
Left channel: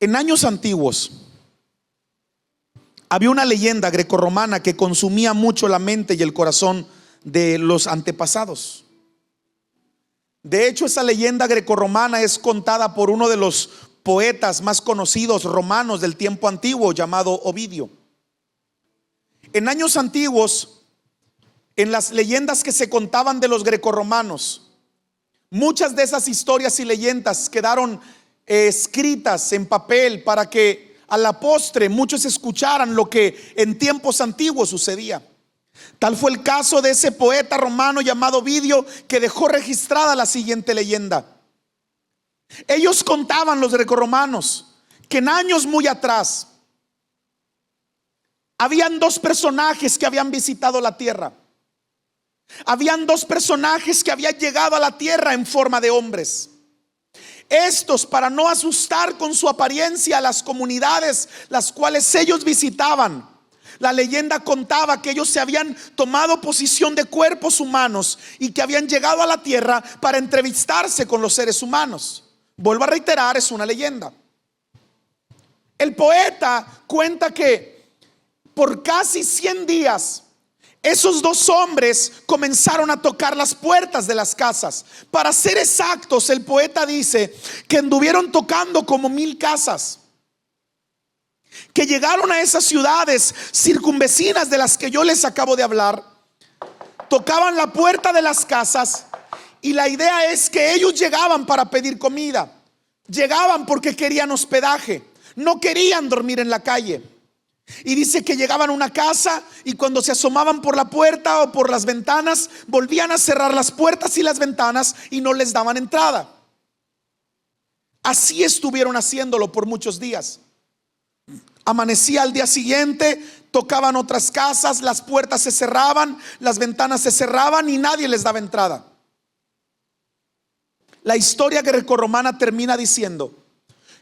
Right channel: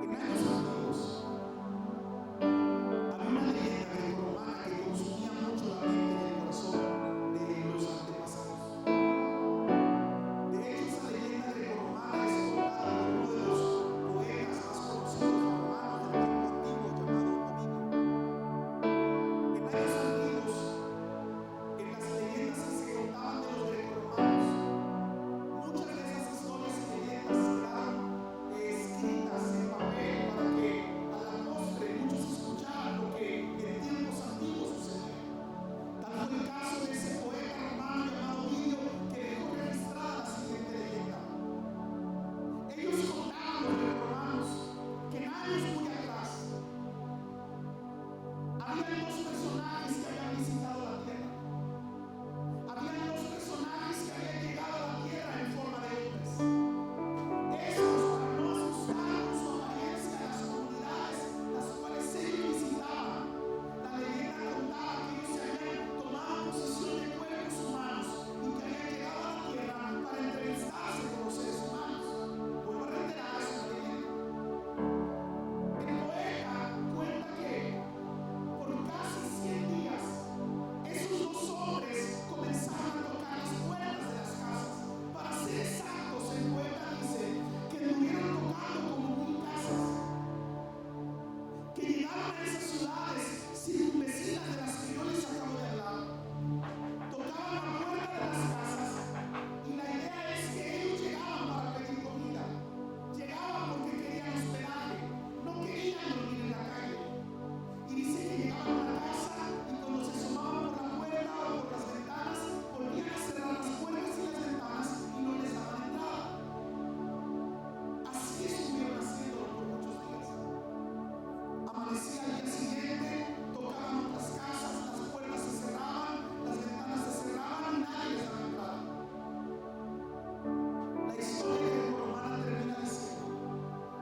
En años antiguos había una leyenda grecorromana que consumía mucho la mente y el corazón de los antepasados. De hecho, esa leyenda grecorromana es contada por uno de los poetas más conocidos romanos del tiempo antiguo, llamado Ovidio. En años antiguos, en las leyendas que se contaban de los grecorromanos, muchas de esas historias y leyendas quedaron escritas en papel para que a la postre muchos escucharan lo que en tiempos antiguos sucedía. Tal fue el caso de ese poeta romano llamado Ovidio, que dejó registrada la siguiente leyenda. Ellos contaban, los grecorromanos, que en años muy atrás habían dos personajes que habían visitado la tierra. Habían dos personajes que habían llegado a la tierra en forma de hombres. Estos, para no asustar con su apariencia a las comunidades las cuales ellos visitaban, la leyenda contaba que ellos se habían tomado posición de cuerpos humanos y que habían llegado a la tierra para entrevistarse con los seres humanos. Vuelvo a reiterar, es una leyenda. El poeta cuenta que por casi 100 días esos dos hombres comenzaron a tocar las puertas de las casas. Para ser exactos, el poeta dice que anduvieron tocando como 1000 casas, que llegaron a esas ciudades circunvecinas de las que yo les acabo de hablar. Tocaban la puerta de las casas y la idea es que ellos llegaban para pedir comida. Llegaban porque querían hospedaje, no querían dormir en la calle. Y dice que llegaban a una casa y cuando se asomaban por la puerta o por las ventanas, volvían a cerrar las puertas y las ventanas y no les daban entrada. Así estuvieron haciéndolo por muchos días. Amanecía al día siguiente, tocaban otras casas, las puertas se cerraban, las ventanas se cerraban y nadie les daba entrada. La historia grecorromana termina diciendo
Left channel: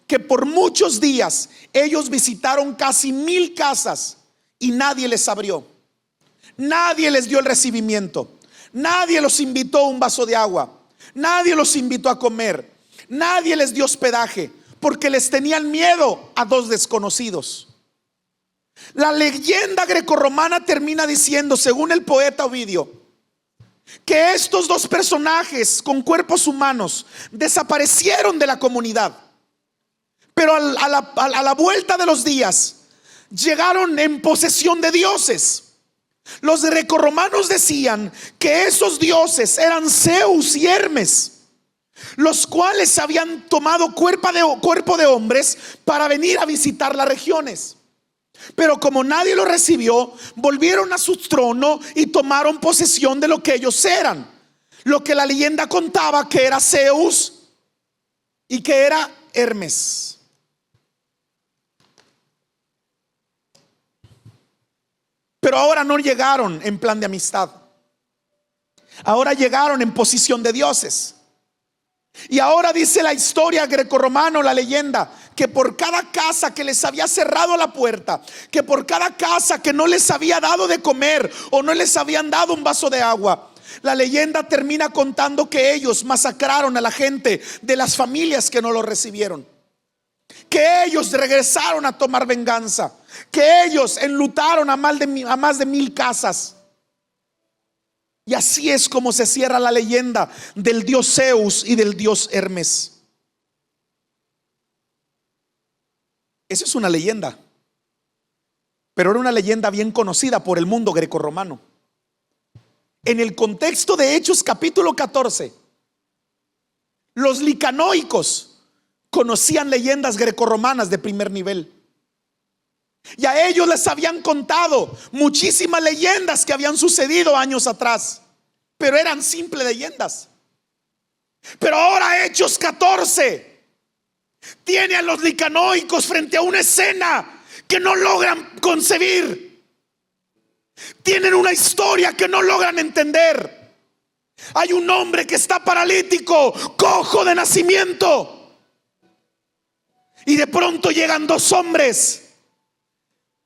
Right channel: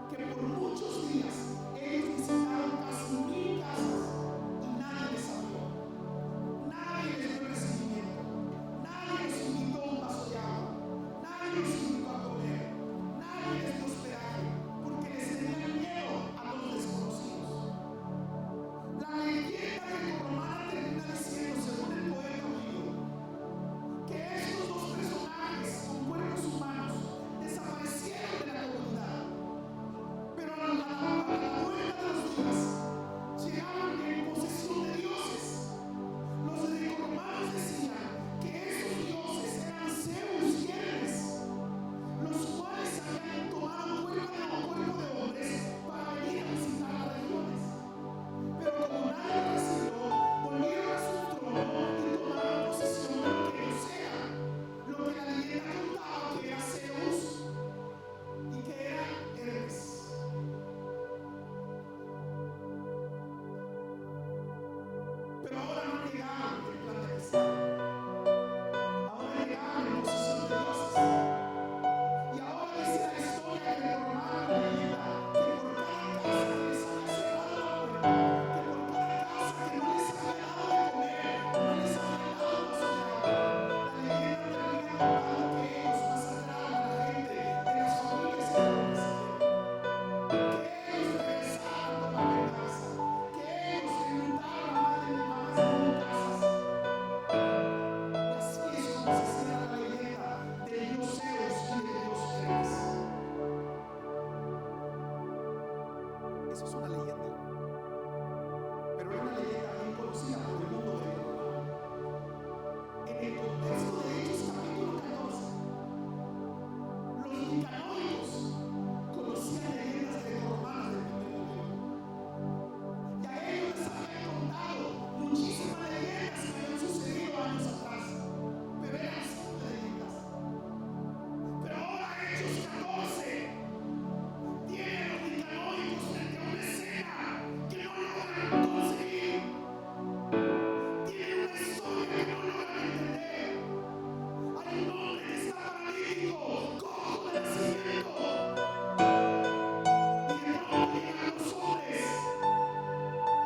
que por muchos días ellos visitaron casi 1000 casas y nadie les abrió. Nadie les dio el recibimiento. Nadie los invitó a un vaso de agua. Nadie los invitó a comer. Nadie les dio hospedaje porque les tenían miedo a dos desconocidos. La leyenda grecorromana termina diciendo, según el poeta Ovidio, que estos dos personajes con cuerpos humanos desaparecieron de la comunidad. Pero a la vuelta de los días llegaron en posesión de dioses. Los grecorromanos decían que esos dioses eran Zeus y Hermes, los cuales habían tomado cuerpo de hombres para venir a visitar las regiones. Pero como nadie lo recibió, volvieron a su trono y tomaron posesión de lo que ellos eran. Lo que la leyenda contaba que era Zeus y que era Hermes. Pero ahora no llegaron en plan de amistad. Ahora llegaron en posición de dioses. Y ahora dice la historia grecorromana, la leyenda, que por cada casa que les había cerrado la puerta, que por cada casa que no les había dado de comer o no les habían dado un vaso de agua, la leyenda termina contando que ellos masacraron a la gente de las familias que no lo recibieron, que ellos regresaron a tomar venganza, que ellos enlutaron a más de 1000 casas. Y así es como se cierra la leyenda del dios Zeus y del dios Hermes. Eso es una leyenda. pero era una leyenda bien conocida por el mundo grecorromano. En el contexto de Hechos capítulo 14, los licanoicos conocían leyendas grecorromanas de primer nivel, y a ellos les habían contado muchísimas leyendas que habían sucedido años atrás, pero eran simples leyendas. Pero ahora Hechos 14 tiene a los licanoicos frente a una escena que no logran concebir. Tienen una historia que no logran entender. Hay un hombre que está paralítico, cojo de nacimiento, y de pronto llegan dos hombres,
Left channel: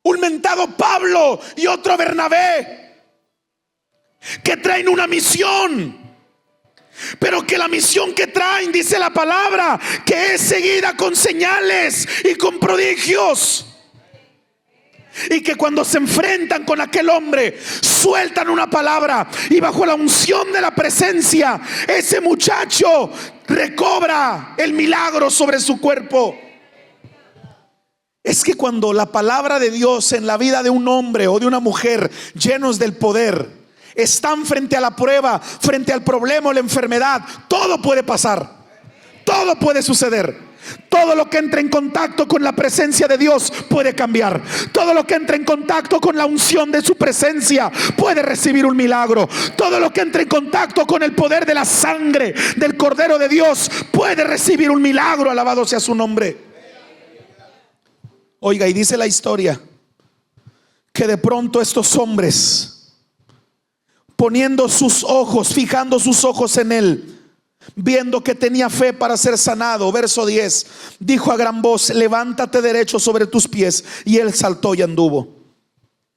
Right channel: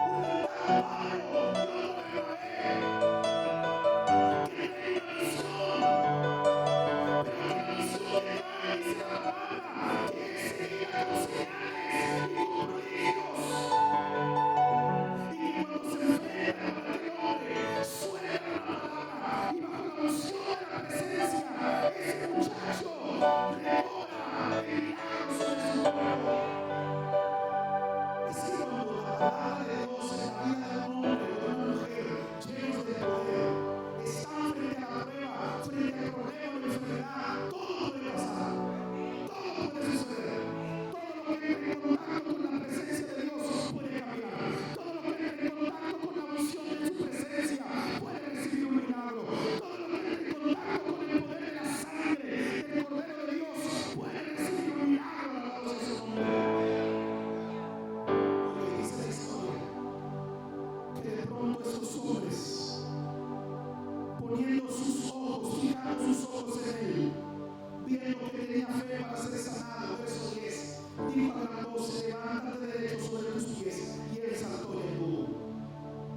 un mentado Pablo y otro Bernabé, que traen una misión, pero que la misión que traen, dice la palabra, que es seguida con señales y con prodigios. Y que cuando se enfrentan con aquel hombre, sueltan una palabra, y bajo la unción de la presencia, ese muchacho recobra el milagro sobre su cuerpo. Es que cuando la palabra de Dios en la vida de un hombre o de una mujer llenos del poder están frente a la prueba, frente al problema o la enfermedad, todo puede pasar, todo puede suceder. Todo lo que entra en contacto con la presencia de Dios puede cambiar. Todo lo que entra en contacto con la unción de su presencia puede recibir un milagro. Todo lo que entra en contacto con el poder de la sangre del Cordero de Dios puede recibir un milagro. Alabado sea su nombre. Oiga, y dice la historia que de pronto estos hombres, poniendo sus ojos, fijando sus ojos en él, viendo que tenía fe para ser sanado, verso 10, dijo a gran voz: levántate derecho sobre tus pies. Y él saltó y anduvo.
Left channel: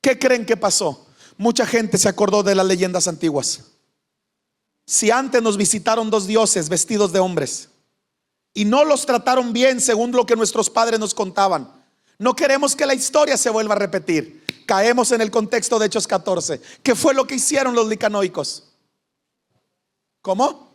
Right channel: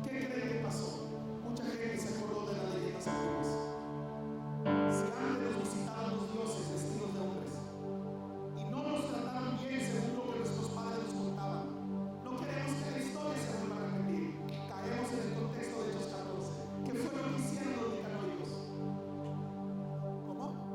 ¿Qué creen que pasó? Mucha gente se acordó de las leyendas antiguas. Si antes nos visitaron dos dioses vestidos de hombres y no los trataron bien según lo que nuestros padres nos contaban, no queremos que la historia se vuelva a repetir. Caemos en el contexto de Hechos 14. ¿Qué fue lo que hicieron los licanoicos? ¿Cómo?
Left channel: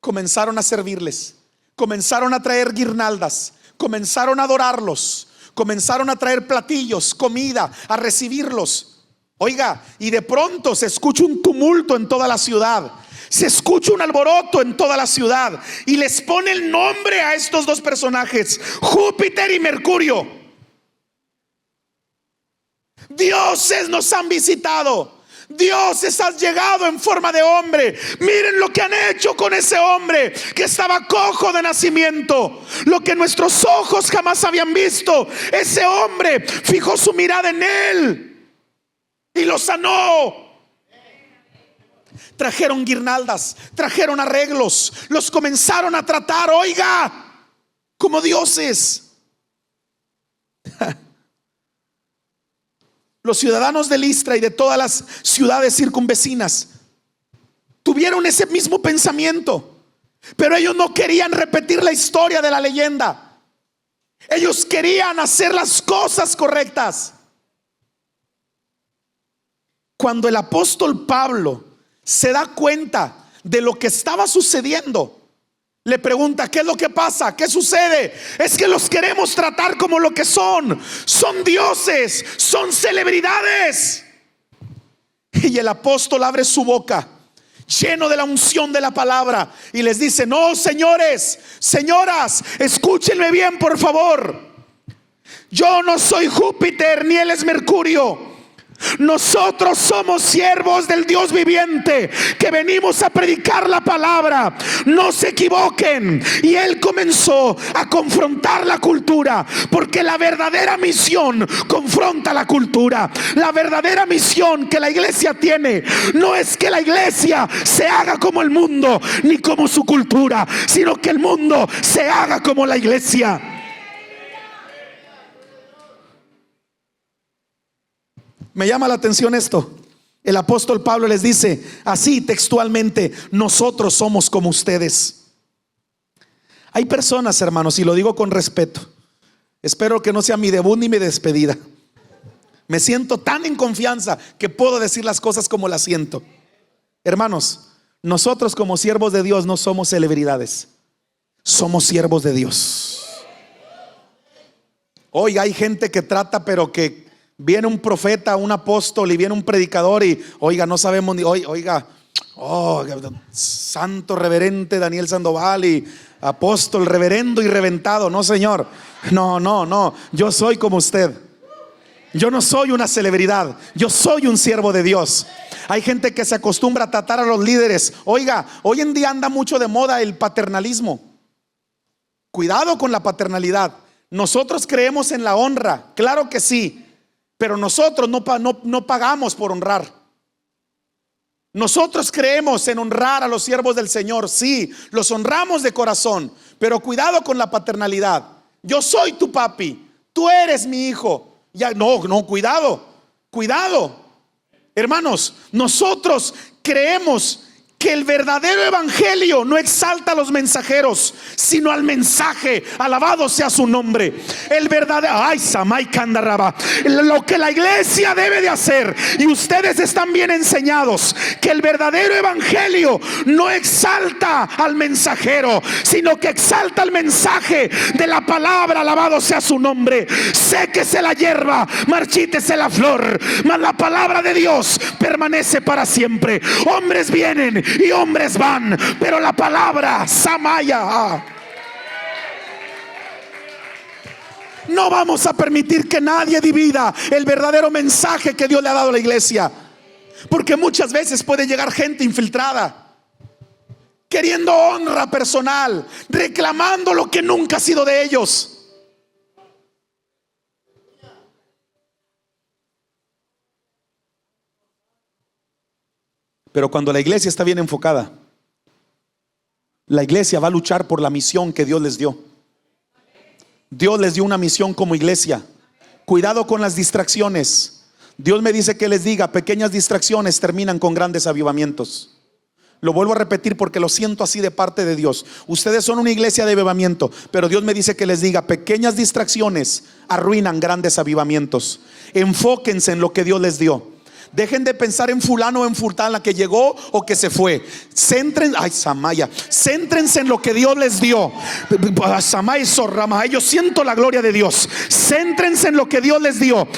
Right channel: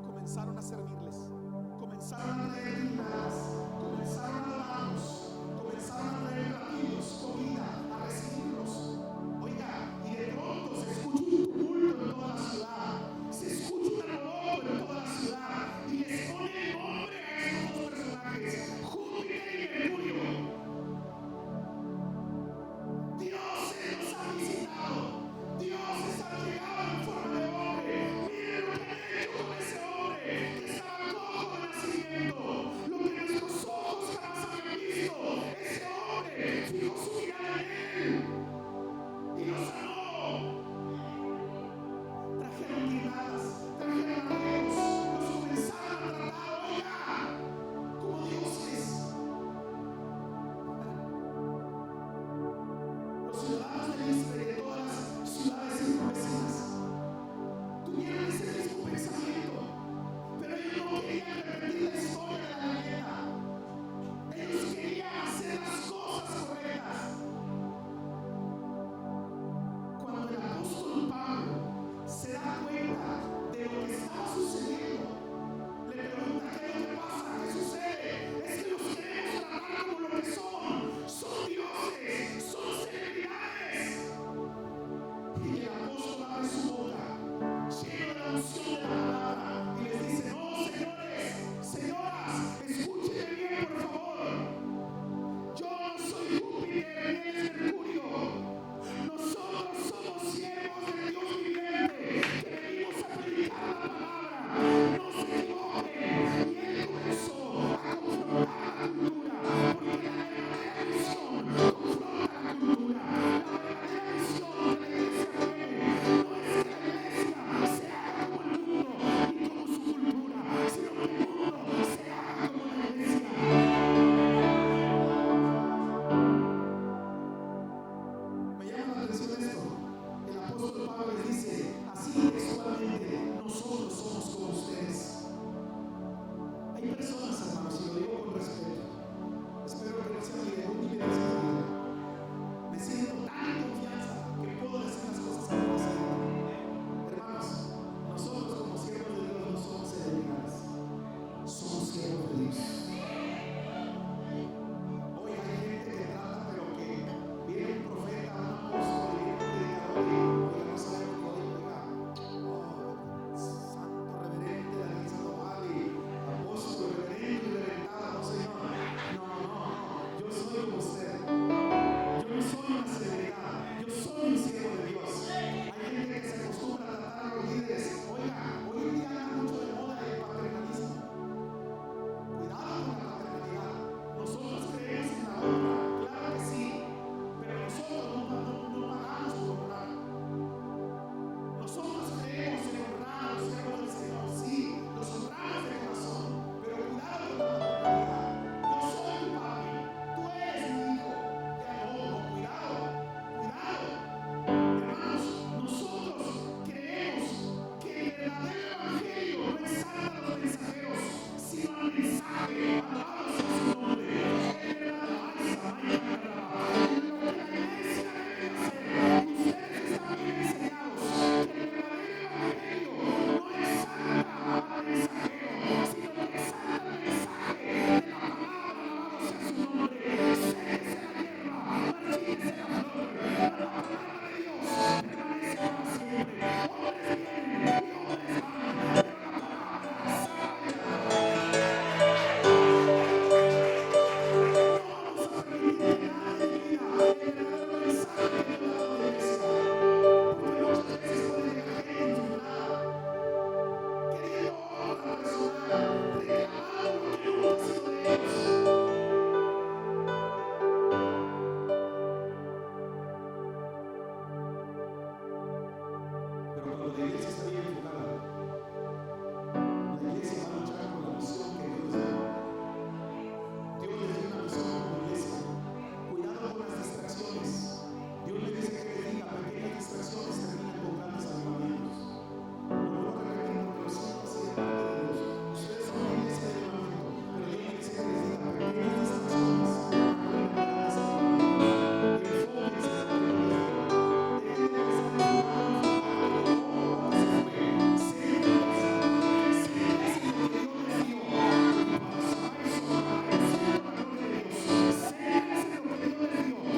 Comenzaron a servirles, comenzaron a traer guirnaldas, comenzaron a adorarlos, comenzaron a traer platillos, comida, a recibirlos. Oiga, y de pronto se escucha un tumulto en toda la ciudad, se escucha un alboroto en toda la ciudad, y les pone el nombre a estos dos personajes: Júpiter y Mercurio. Dioses nos han visitado, dioses han llegado en forma de hombre. Miren lo que han hecho con ese hombre que estaba cojo de nacimiento, lo que nuestros ojos jamás habían visto. Ese hombre fijó su mirada en él y lo sanó. Trajeron guirnaldas, trajeron arreglos, los comenzaron a tratar, oiga, como dioses. Los ciudadanos de Listra y de todas las ciudades circunvecinas tuvieron ese mismo pensamiento, pero ellos no querían repetir la historia de la leyenda. Ellos querían hacer las cosas correctas. Cuando el apóstol Pablo se da cuenta de lo que estaba sucediendo, le pregunta: ¿qué es lo que pasa? ¿Qué sucede? Es que los queremos tratar como lo que son. Son dioses, son celebridades. Y el apóstol abre su boca, lleno de la unción de la palabra, y les dice: no, señores, señoras, escúchenme bien, por favor. Yo no soy Júpiter ni él es Mercurio. Nosotros somos siervos del Dios viviente, que venimos a predicar la palabra. No se equivoquen. Y él comenzó a confrontar la cultura, porque la verdadera misión confronta la cultura. La verdadera misión que la iglesia tiene no es que la iglesia se haga como el mundo ni como su cultura, sino que el mundo se haga como la iglesia. Me llama la atención esto. El apóstol Pablo les dice así textualmente: nosotros somos como ustedes. Hay personas, hermanos, y lo digo con respeto, espero que no sea mi debut ni mi despedida. Me siento tan en confianza que puedo decir las cosas como las siento. Hermanos, nosotros como siervos de Dios no somos celebridades, somos siervos de Dios. Oiga, hay gente que trata, pero que viene un profeta, un apóstol y viene un predicador y oiga, no sabemos ni oiga, santo reverente Daniel Sandoval y apóstol reverendo y reventado. No, señor, no, yo soy como usted. Yo no soy una celebridad, yo soy un siervo de Dios. Hay gente que se acostumbra a tratar a los líderes. Oiga, hoy en día anda mucho de moda el paternalismo. Cuidado con la paternalidad. Nosotros creemos en la honra, claro que sí, pero nosotros no pagamos por honrar. Nosotros creemos en honrar a los siervos del Señor, sí, los honramos de corazón, pero cuidado con la paternalidad. Yo soy tu papi, tú eres mi hijo. Ya, no, cuidado. Hermanos, nosotros creemos que el verdadero evangelio no exalta a los mensajeros, sino al mensaje. Alabado sea su nombre. El verdadero, lo que la iglesia debe de hacer, y ustedes están bien enseñados, que el verdadero evangelio no exalta al mensajero, sino que exalta el mensaje de la palabra. Alabado sea su nombre. Séquese la hierba, marchítese la flor, mas la palabra de Dios permanece para siempre. Hombres vienen y hombres van, pero la palabra Samaya. No vamos a permitir que nadie divida el verdadero mensaje que Dios le ha dado a la iglesia, porque muchas veces puede llegar gente infiltrada, queriendo honra personal, reclamando lo que nunca ha sido de ellos. Pero cuando la iglesia está bien enfocada, la iglesia va a luchar por la misión que Dios les dio. Dios les dio una misión como iglesia. Cuidado con las distracciones. Dios me dice que les diga: pequeñas distracciones terminan con grandes avivamientos. Lo vuelvo a repetir porque lo siento así de parte de Dios. Ustedes son una iglesia de avivamiento, pero Dios me dice que les diga: pequeñas distracciones arruinan grandes avivamientos. Enfóquense en lo que Dios les dio. Dejen de pensar en fulano o en fulana que llegó o que se fue. Céntrense en lo que Dios les dio. Yo siento la gloria de Dios. Céntrense en lo que Dios les dio,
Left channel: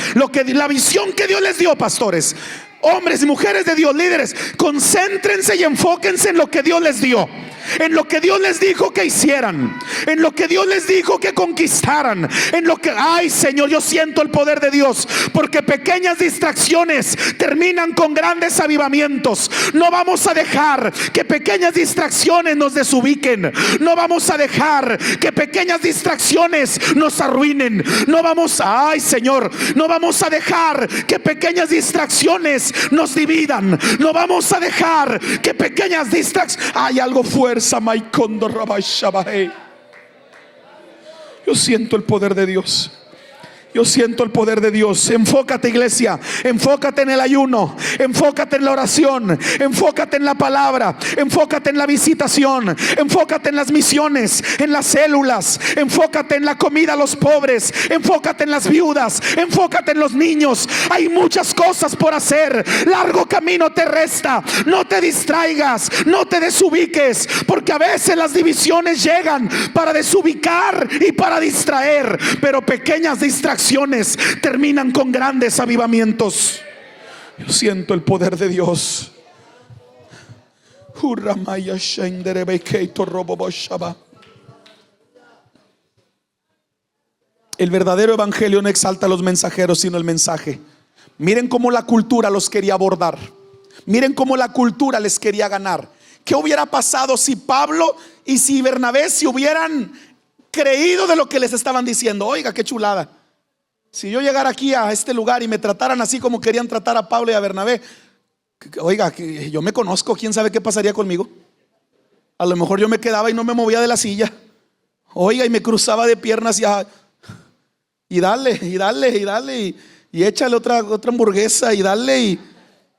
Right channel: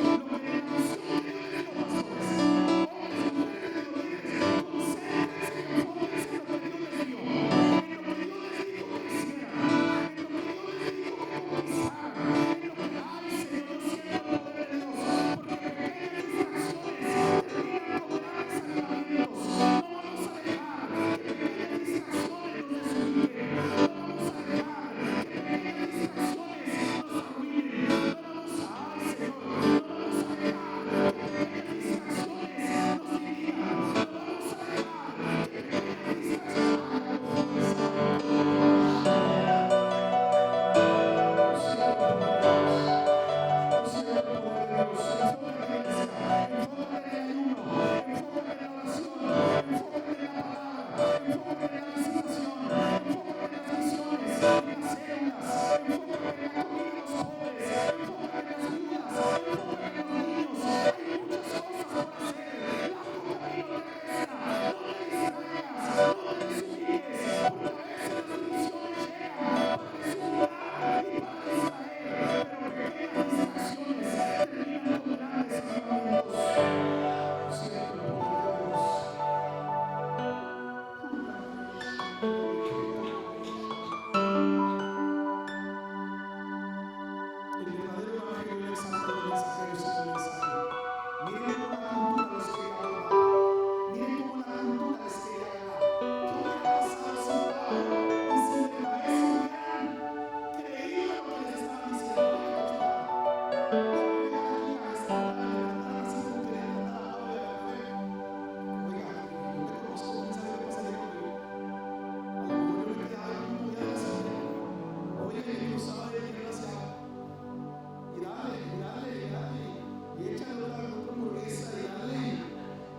la visión que Dios les dio, pastores, hombres y mujeres de Dios, líderes. Concéntrense y enfóquense en lo que Dios les dio, en lo que Dios les dijo que hicieran, en lo que Dios les dijo que conquistaran, en lo que, ay Señor, yo siento el poder de Dios, porque pequeñas distracciones terminan con grandes avivamientos. No vamos a dejar que pequeñas distracciones nos desubiquen. No vamos a dejar que pequeñas distracciones nos arruinen. No vamos a, ay Señor, no vamos a dejar que pequeñas distracciones nos dividan. No vamos a dejar que pequeñas distracciones, hay algo fuerte. Yo siento el poder de Dios. Yo siento el poder de Dios. Enfócate, iglesia. Enfócate en el ayuno. Enfócate en la oración. Enfócate en la palabra. Enfócate en la visitación. Enfócate en las misiones, en las células. Enfócate en la comida a los pobres. Enfócate en las viudas. Enfócate en los niños. Hay muchas cosas por hacer. Largo camino te resta. No te distraigas. No te desubiques, porque a veces las divisiones llegan para desubicar y para distraer, pero pequeñas distracciones terminan con grandes avivamientos. Yo siento el poder de Dios. El verdadero evangelio no exalta a los mensajeros, sino el mensaje. Miren cómo la cultura los quería abordar. Miren cómo la cultura les quería ganar. ¿Qué hubiera pasado si Pablo y si Bernabé se hubieran creído de lo que les estaban diciendo? Oiga, qué chulada. Si yo llegara aquí a este lugar y me trataran así como querían tratar a Pablo y a Bernabé, oiga, yo me conozco, quién sabe qué pasaría conmigo. A lo mejor yo me quedaba y no me movía de la silla. Oiga, y me cruzaba de piernas y dale, y échale otra hamburguesa, y dale,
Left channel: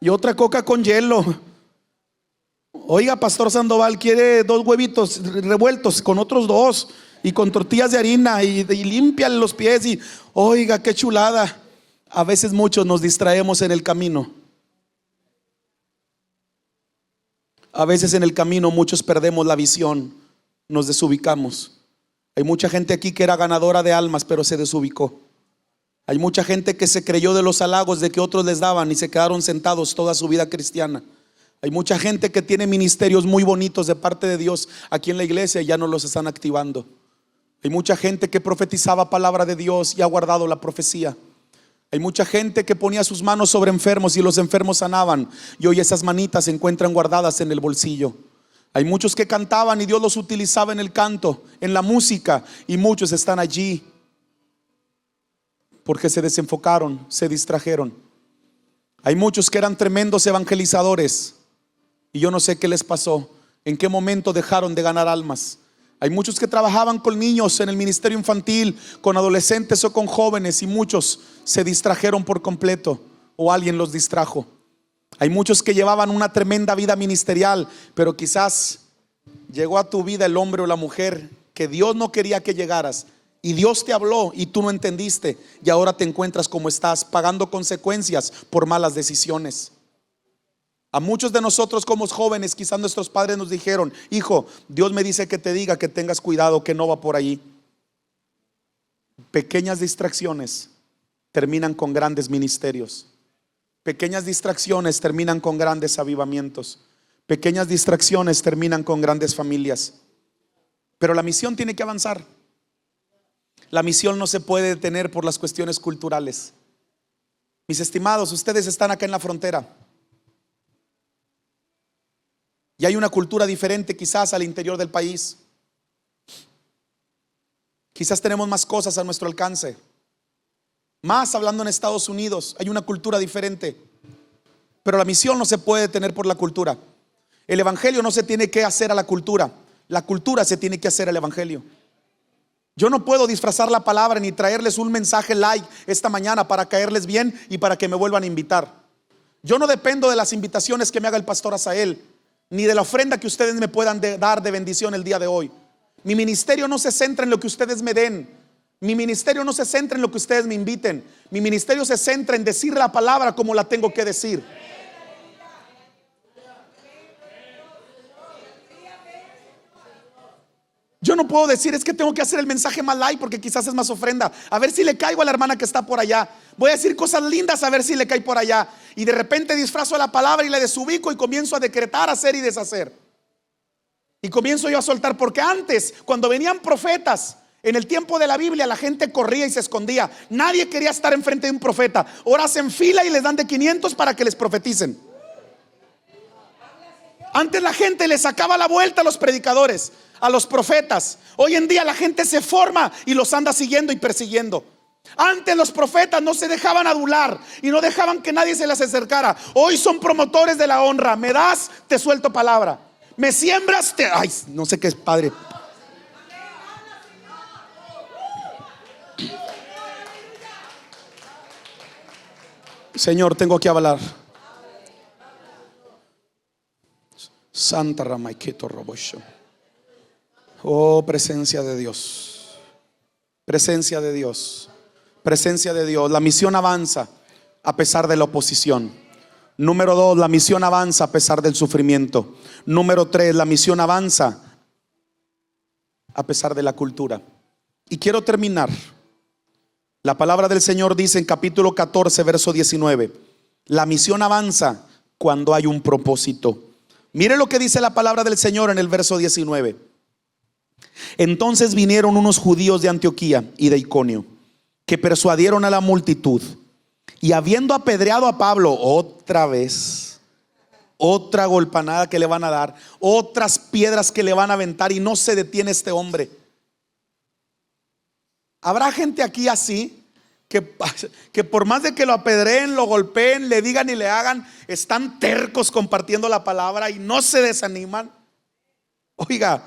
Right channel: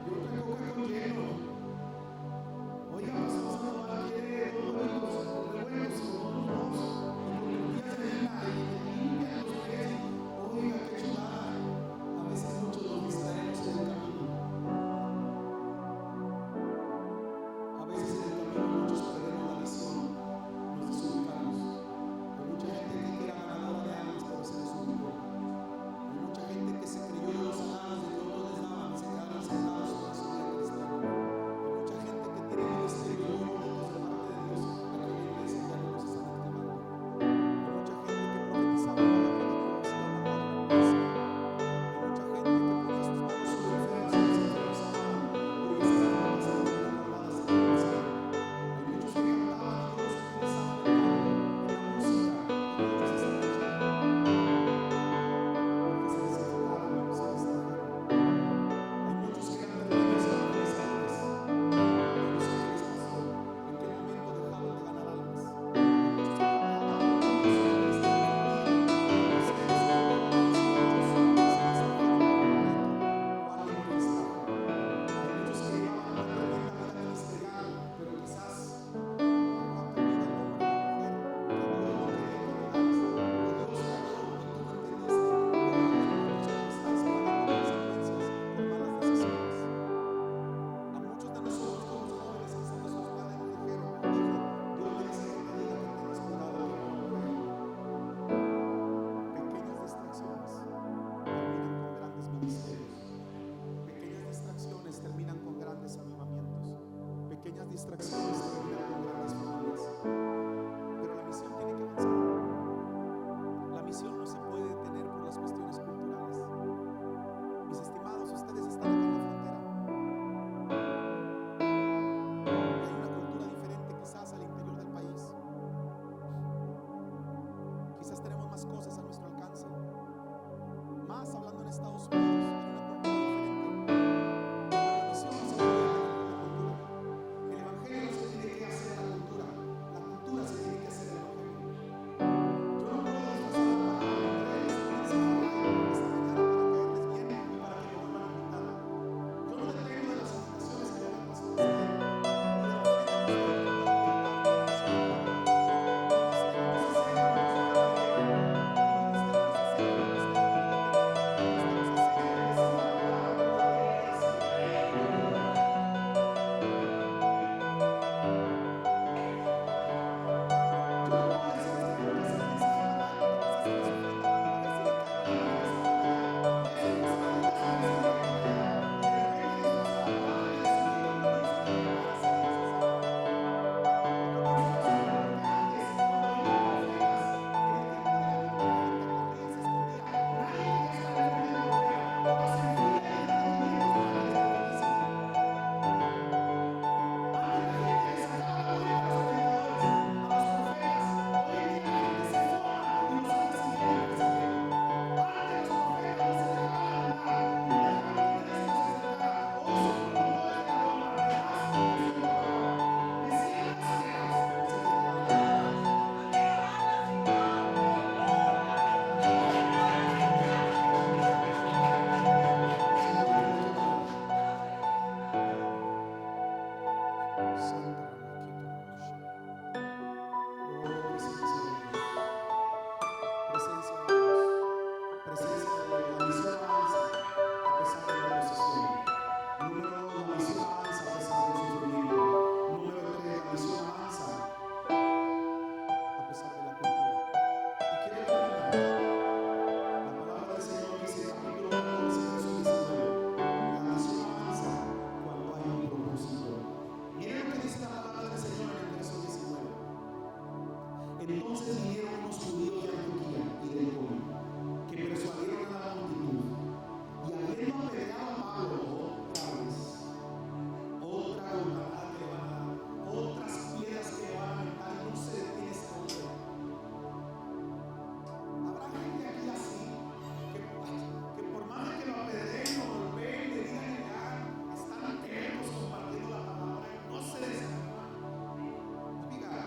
y otra coca con hielo. Oiga, pastor Sandoval, quiere 2 huevitos revueltos con otros 2 y con tortillas de harina, y límpiale los pies. Y oiga, qué chulada. A veces muchos nos distraemos en el camino. A veces en el camino muchos perdemos la visión, nos desubicamos. Hay mucha gente aquí que era ganadora de almas, pero se desubicó. Hay mucha gente que se creyó de los halagos de que otros les daban y se quedaron sentados toda su vida cristiana. Hay mucha gente que tiene ministerios muy bonitos de parte de Dios aquí en la iglesia y ya no los están activando. Hay mucha gente que profetizaba palabra de Dios y ha guardado la profecía. Hay mucha gente que ponía sus manos sobre enfermos y los enfermos sanaban, y hoy esas manitas se encuentran guardadas en el bolsillo. Hay muchos que cantaban y Dios los utilizaba en el canto, en la música, y muchos están allí porque se desenfocaron, se distrajeron. Hay muchos que eran tremendos evangelizadores y yo no sé qué les pasó, en qué momento dejaron de ganar almas. Hay muchos que trabajaban con niños en el ministerio infantil, con adolescentes o con jóvenes, y muchos se distrajeron por completo o alguien los distrajo. Hay muchos que llevaban una tremenda vida ministerial, pero quizás llegó a tu vida el hombre o la mujer que Dios no quería que llegaras, y Dios te habló y tú no entendiste, y ahora te encuentras como estás, pagando consecuencias por malas decisiones. A muchos de nosotros como jóvenes, quizás nuestros padres nos dijeron: hijo, Dios me dice que te diga que tengas cuidado, que no va por allí. Pequeñas distracciones terminan con grandes ministerios. Pequeñas distracciones terminan con grandes avivamientos. Pequeñas distracciones terminan con grandes familias. Pero la misión tiene que avanzar. La misión no se puede detener por las cuestiones culturales. Mis estimados, ustedes están acá en la frontera y hay una cultura diferente quizás al interior del país. Quizás tenemos más cosas a nuestro alcance. Más hablando en Estados Unidos, hay una cultura diferente. Pero la misión no se puede detener por la cultura. El evangelio no se tiene que hacer a la cultura. La cultura se tiene que hacer al evangelio. Yo no puedo disfrazar la palabra ni traerles un mensaje light esta mañana para caerles bien y para que me vuelvan a invitar. Yo no dependo de las invitaciones que me haga el pastor Asael, ni de la ofrenda que ustedes me puedan dar de bendición el día de hoy. Mi ministerio no se centra en lo que ustedes me den. Mi ministerio no se centra en lo que ustedes me inviten. Mi ministerio se centra en decir la palabra como la tengo que decir. Yo no puedo decir: es que tengo que hacer el mensaje más light porque quizás es más ofrenda. A ver si le caigo a la hermana que está por allá. Voy a decir cosas lindas a ver si le cae por allá. Y de repente disfrazo la palabra y le desubico y comienzo a decretar, hacer y deshacer. Y comienzo yo a soltar, porque antes, cuando venían profetas en el tiempo de la Biblia, la gente corría y se escondía. Nadie quería estar enfrente de un profeta. Ahora hacen fila y les dan de 500 para que les profeticen. Antes la gente le sacaba la vuelta a los predicadores, a los profetas. Hoy en día la gente se forma y los anda siguiendo y persiguiendo. Antes los profetas no se dejaban adular y no dejaban que nadie se les acercara. Hoy son promotores de la honra. Me das, te suelto palabra. Me siembras, te... Ay, no sé qué es, padre. Señor, tengo que hablar. Santa Ramaiketo Robosho. Oh, presencia de Dios. Presencia de Dios. Presencia de Dios. La misión avanza a pesar de la oposición. Número 2, la misión avanza a pesar del sufrimiento. Número 3, la misión avanza a pesar de la cultura. Y quiero terminar. La palabra del Señor dice en capítulo 14, verso 19: la misión avanza cuando hay un propósito. Mire lo que dice la palabra del Señor en el verso 19. Entonces vinieron unos judíos de Antioquía y de Iconio, que persuadieron a la multitud, y habiendo apedreado a Pablo otra vez, otra golpanada que le van a dar, otras piedras que le van a aventar, y no se detiene este hombre. Habrá gente aquí así que por más de que lo apedreen, lo golpeen, le digan y le hagan, están tercos compartiendo la palabra y no se desaniman. Oiga,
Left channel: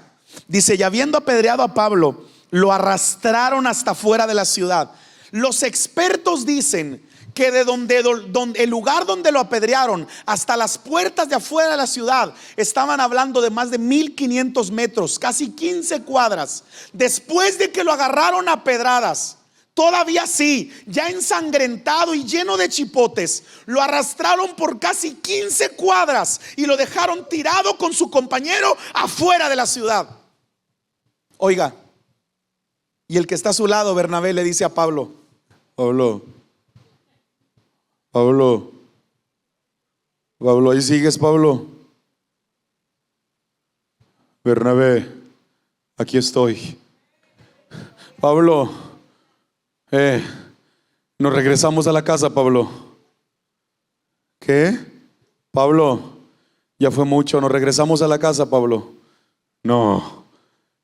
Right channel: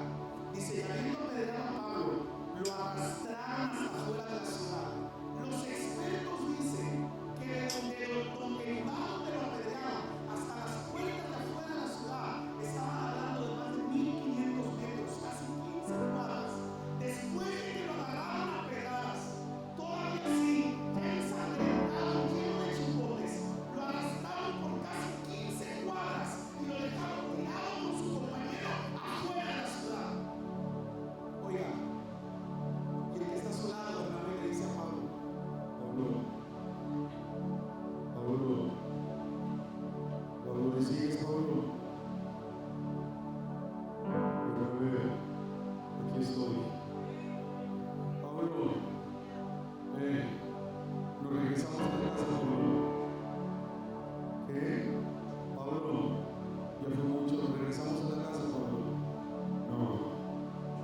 dice: y habiendo apedreado a Pablo, lo arrastraron hasta fuera de la ciudad. Los expertos dicen que de donde el lugar donde lo apedrearon hasta las puertas de afuera de la ciudad estaban hablando de más de 1500 metros, casi 15 cuadras. Después de que lo agarraron a pedradas, todavía sí, ya ensangrentado y lleno de chipotes, lo arrastraron por casi 15 cuadras y lo dejaron tirado con su compañero afuera de la ciudad. Oiga, y el que está a su lado, Bernabé, le dice a Pablo: Pablo, Pablo, Pablo, ahí sigues, Pablo. Bernabé, aquí estoy. Pablo, nos regresamos a la casa, Pablo. ¿Qué? Pablo, ya fue mucho, nos regresamos a la casa, Pablo. No,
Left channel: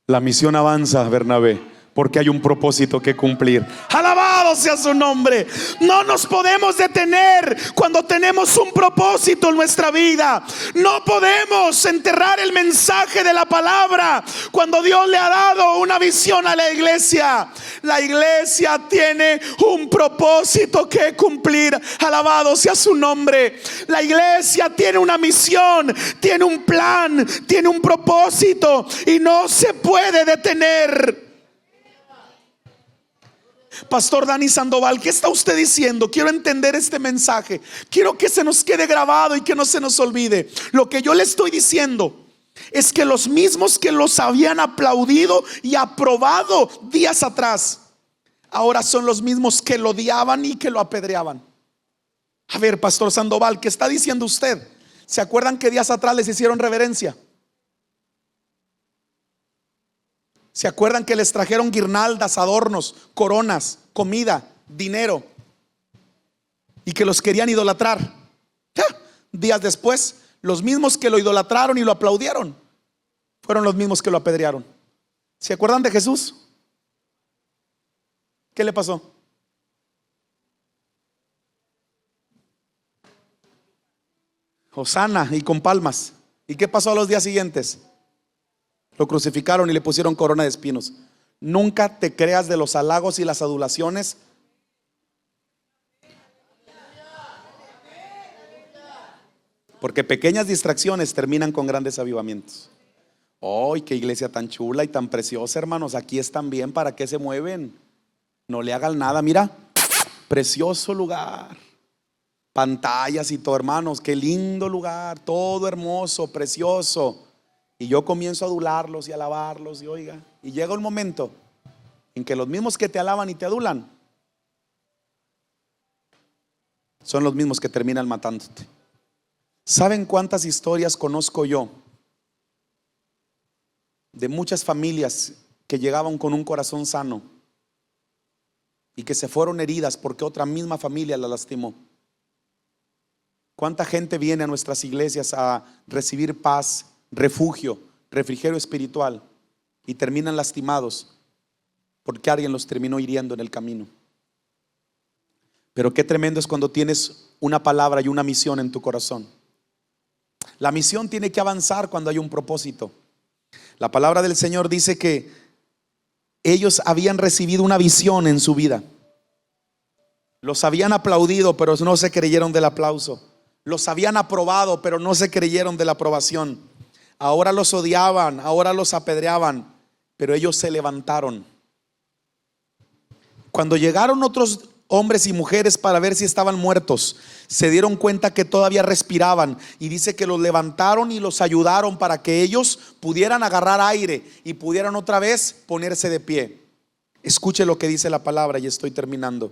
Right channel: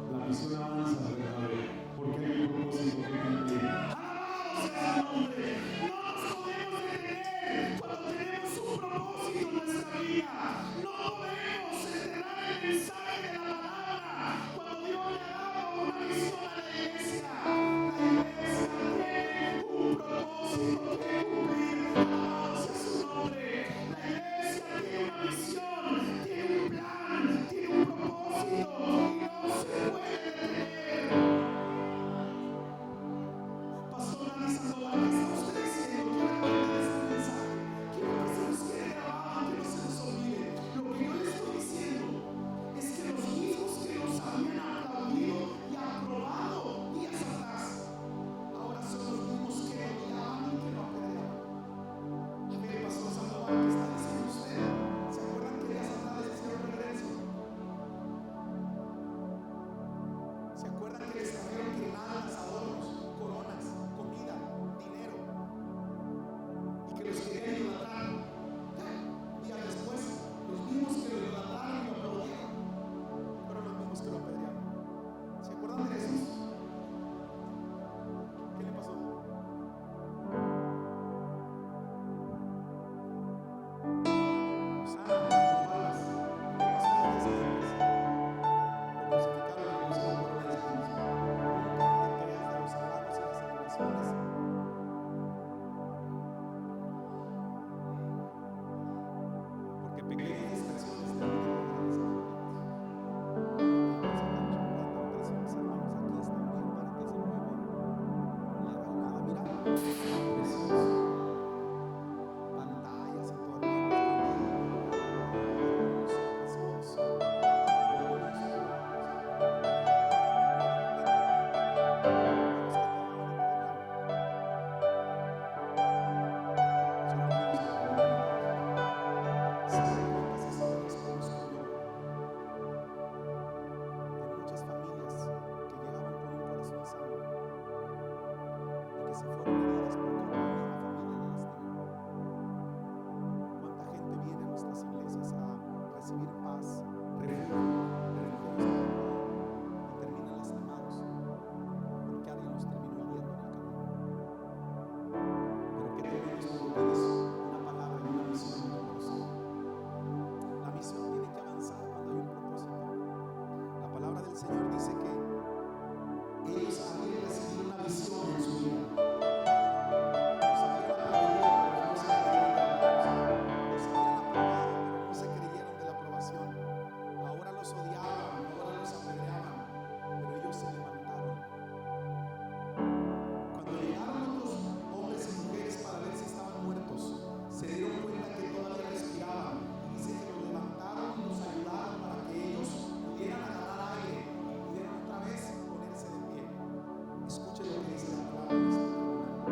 la misión avanza, Bernabé, porque hay un propósito que cumplir. Alabado sea su nombre. No nos podemos detener cuando tenemos un propósito en nuestra vida. No podemos enterrar el mensaje de la palabra cuando Dios le ha dado una visión a la iglesia. La iglesia tiene un propósito que cumplir. Alabado sea su nombre. La iglesia tiene una misión, tiene un plan, tiene un propósito y no se puede detener. Pastor Dani Sandoval, ¿qué está usted diciendo? Quiero entender este mensaje. Quiero que se nos quede grabado y que no se nos olvide. Lo que yo le estoy diciendo es que los mismos que los habían aplaudido y aprobado días atrás, ahora son los mismos que lo odiaban y que lo apedreaban. A ver, Pastor Sandoval, ¿qué está diciendo usted? ¿Se acuerdan que días atrás les hicieron reverencia? ¿Se acuerdan que les trajeron guirnaldas, adornos, coronas, comida, dinero? Y que los querían idolatrar. Días después, los mismos que lo idolatraron y lo aplaudieron fueron los mismos que lo apedrearon. ¿Se acuerdan de Jesús? ¿Qué le pasó? Hosana y con palmas. ¿Y qué pasó a los días siguientes? Lo crucificaron y le pusieron corona de espinos. Nunca te creas de los halagos y las adulaciones. Porque pequeñas distracciones terminan con grandes avivamientos. ¡Ay, qué iglesia tan chula y tan preciosa, hermanos! Aquí están bien, ¿para qué se mueven? No le hagan nada, mira. Precioso lugar. Pantallas y todo, hermanos. Qué lindo lugar. Todo hermoso, precioso. Y yo comienzo a adularlos y alabarlos. Y llega un momento en que los mismos que te alaban y te adulan son los mismos que terminan matándote. ¿Saben cuántas historias conozco yo de muchas familias que llegaban con un corazón sano y que se fueron heridas porque otra misma familia la lastimó? ¿Cuánta gente viene a nuestras iglesias a recibir paz, refugio, refrigerio espiritual y terminan lastimados porque alguien los terminó hiriendo en el camino? Pero qué tremendo es cuando tienes una palabra y una misión en tu corazón. La misión tiene que avanzar cuando hay un propósito. La palabra del Señor dice que ellos habían recibido una visión en su vida. Los habían aplaudido, pero no se creyeron del aplauso. Los habían aprobado, pero no se creyeron de la aprobación. Ahora los odiaban, ahora los apedreaban, pero ellos se levantaron. Cuando llegaron otros hombres y mujeres para ver si estaban muertos, se dieron cuenta que todavía respiraban, y dice que los levantaron y los ayudaron para que ellos pudieran agarrar aire y pudieran otra vez ponerse de pie. Escuche lo que dice la palabra y estoy terminando.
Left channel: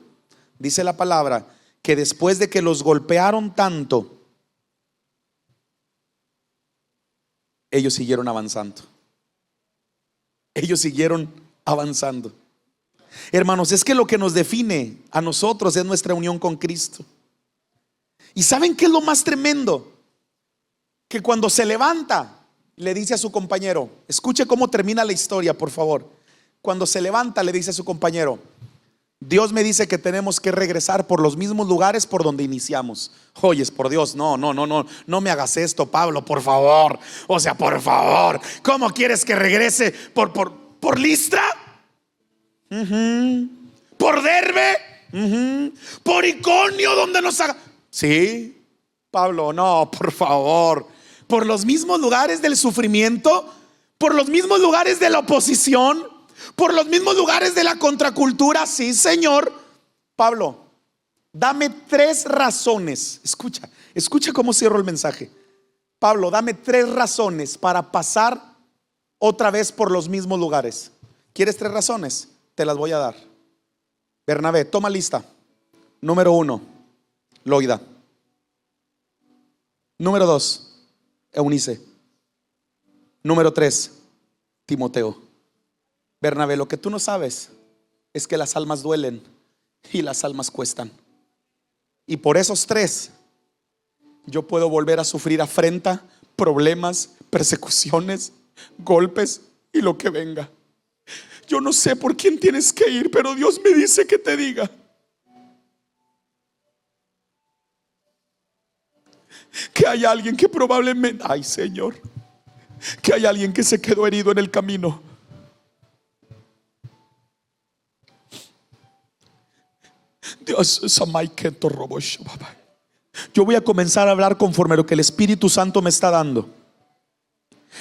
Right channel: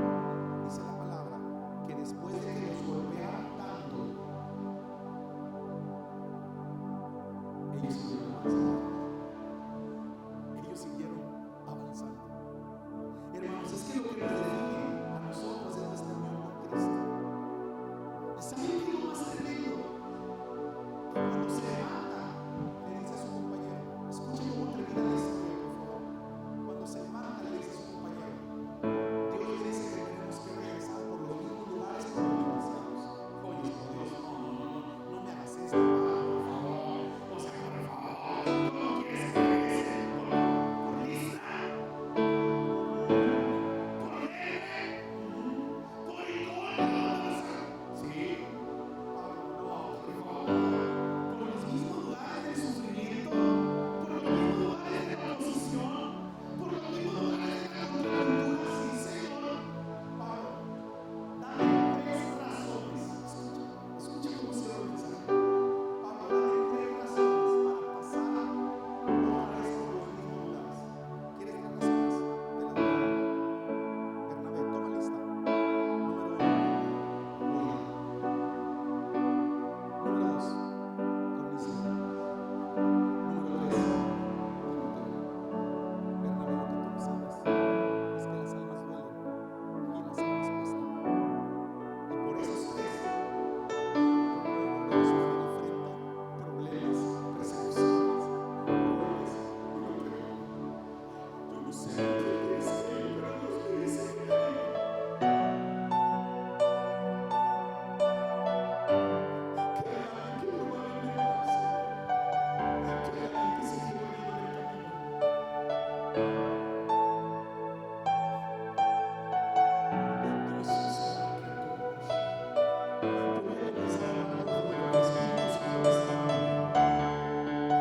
Dice la palabra que después de que los golpearon tanto, ellos siguieron avanzando. Ellos siguieron avanzando. Hermanos, es que lo que nos define a nosotros es nuestra unión con Cristo. ¿Y saben qué es lo más tremendo? Que cuando se levanta, le dice a su compañero, escuche cómo termina la historia, por favor. Cuando se levanta, le dice a su compañero: Dios me dice que tenemos que regresar por los mismos lugares por donde iniciamos. Oyes, por Dios, no me hagas esto, Pablo, por favor. O sea, por favor, ¿cómo quieres que regrese? ¿Por Listra? ¿Por Derbe? ¿Por Iconio, donde nos haga? Sí, Pablo, no, por favor. ¿Por los mismos lugares del sufrimiento? ¿Por los mismos lugares de la oposición? ¿Por los mismos lugares de la contracultura? Sí, Señor. Pablo, dame 3 razones. Escucha cómo cierro el mensaje. Pablo, dame 3 razones para pasar otra vez por los mismos lugares. ¿Quieres 3 razones? Te las voy a dar. Bernabé, toma lista. Número 1, Loida. Número 2, Eunice. Número 3, Timoteo. Bernabé, lo que tú no sabes es que las almas duelen y las almas cuestan. Y por esos 3 yo puedo volver a sufrir afrenta, problemas, persecuciones, golpes y lo que venga. Yo no sé por quién tienes que ir, pero Dios me dice que te diga que hay alguien que probablemente, ay Señor, que hay alguien que se quedó herido en el camino. Dios, yo voy a comenzar a hablar conforme lo que el Espíritu Santo me está dando.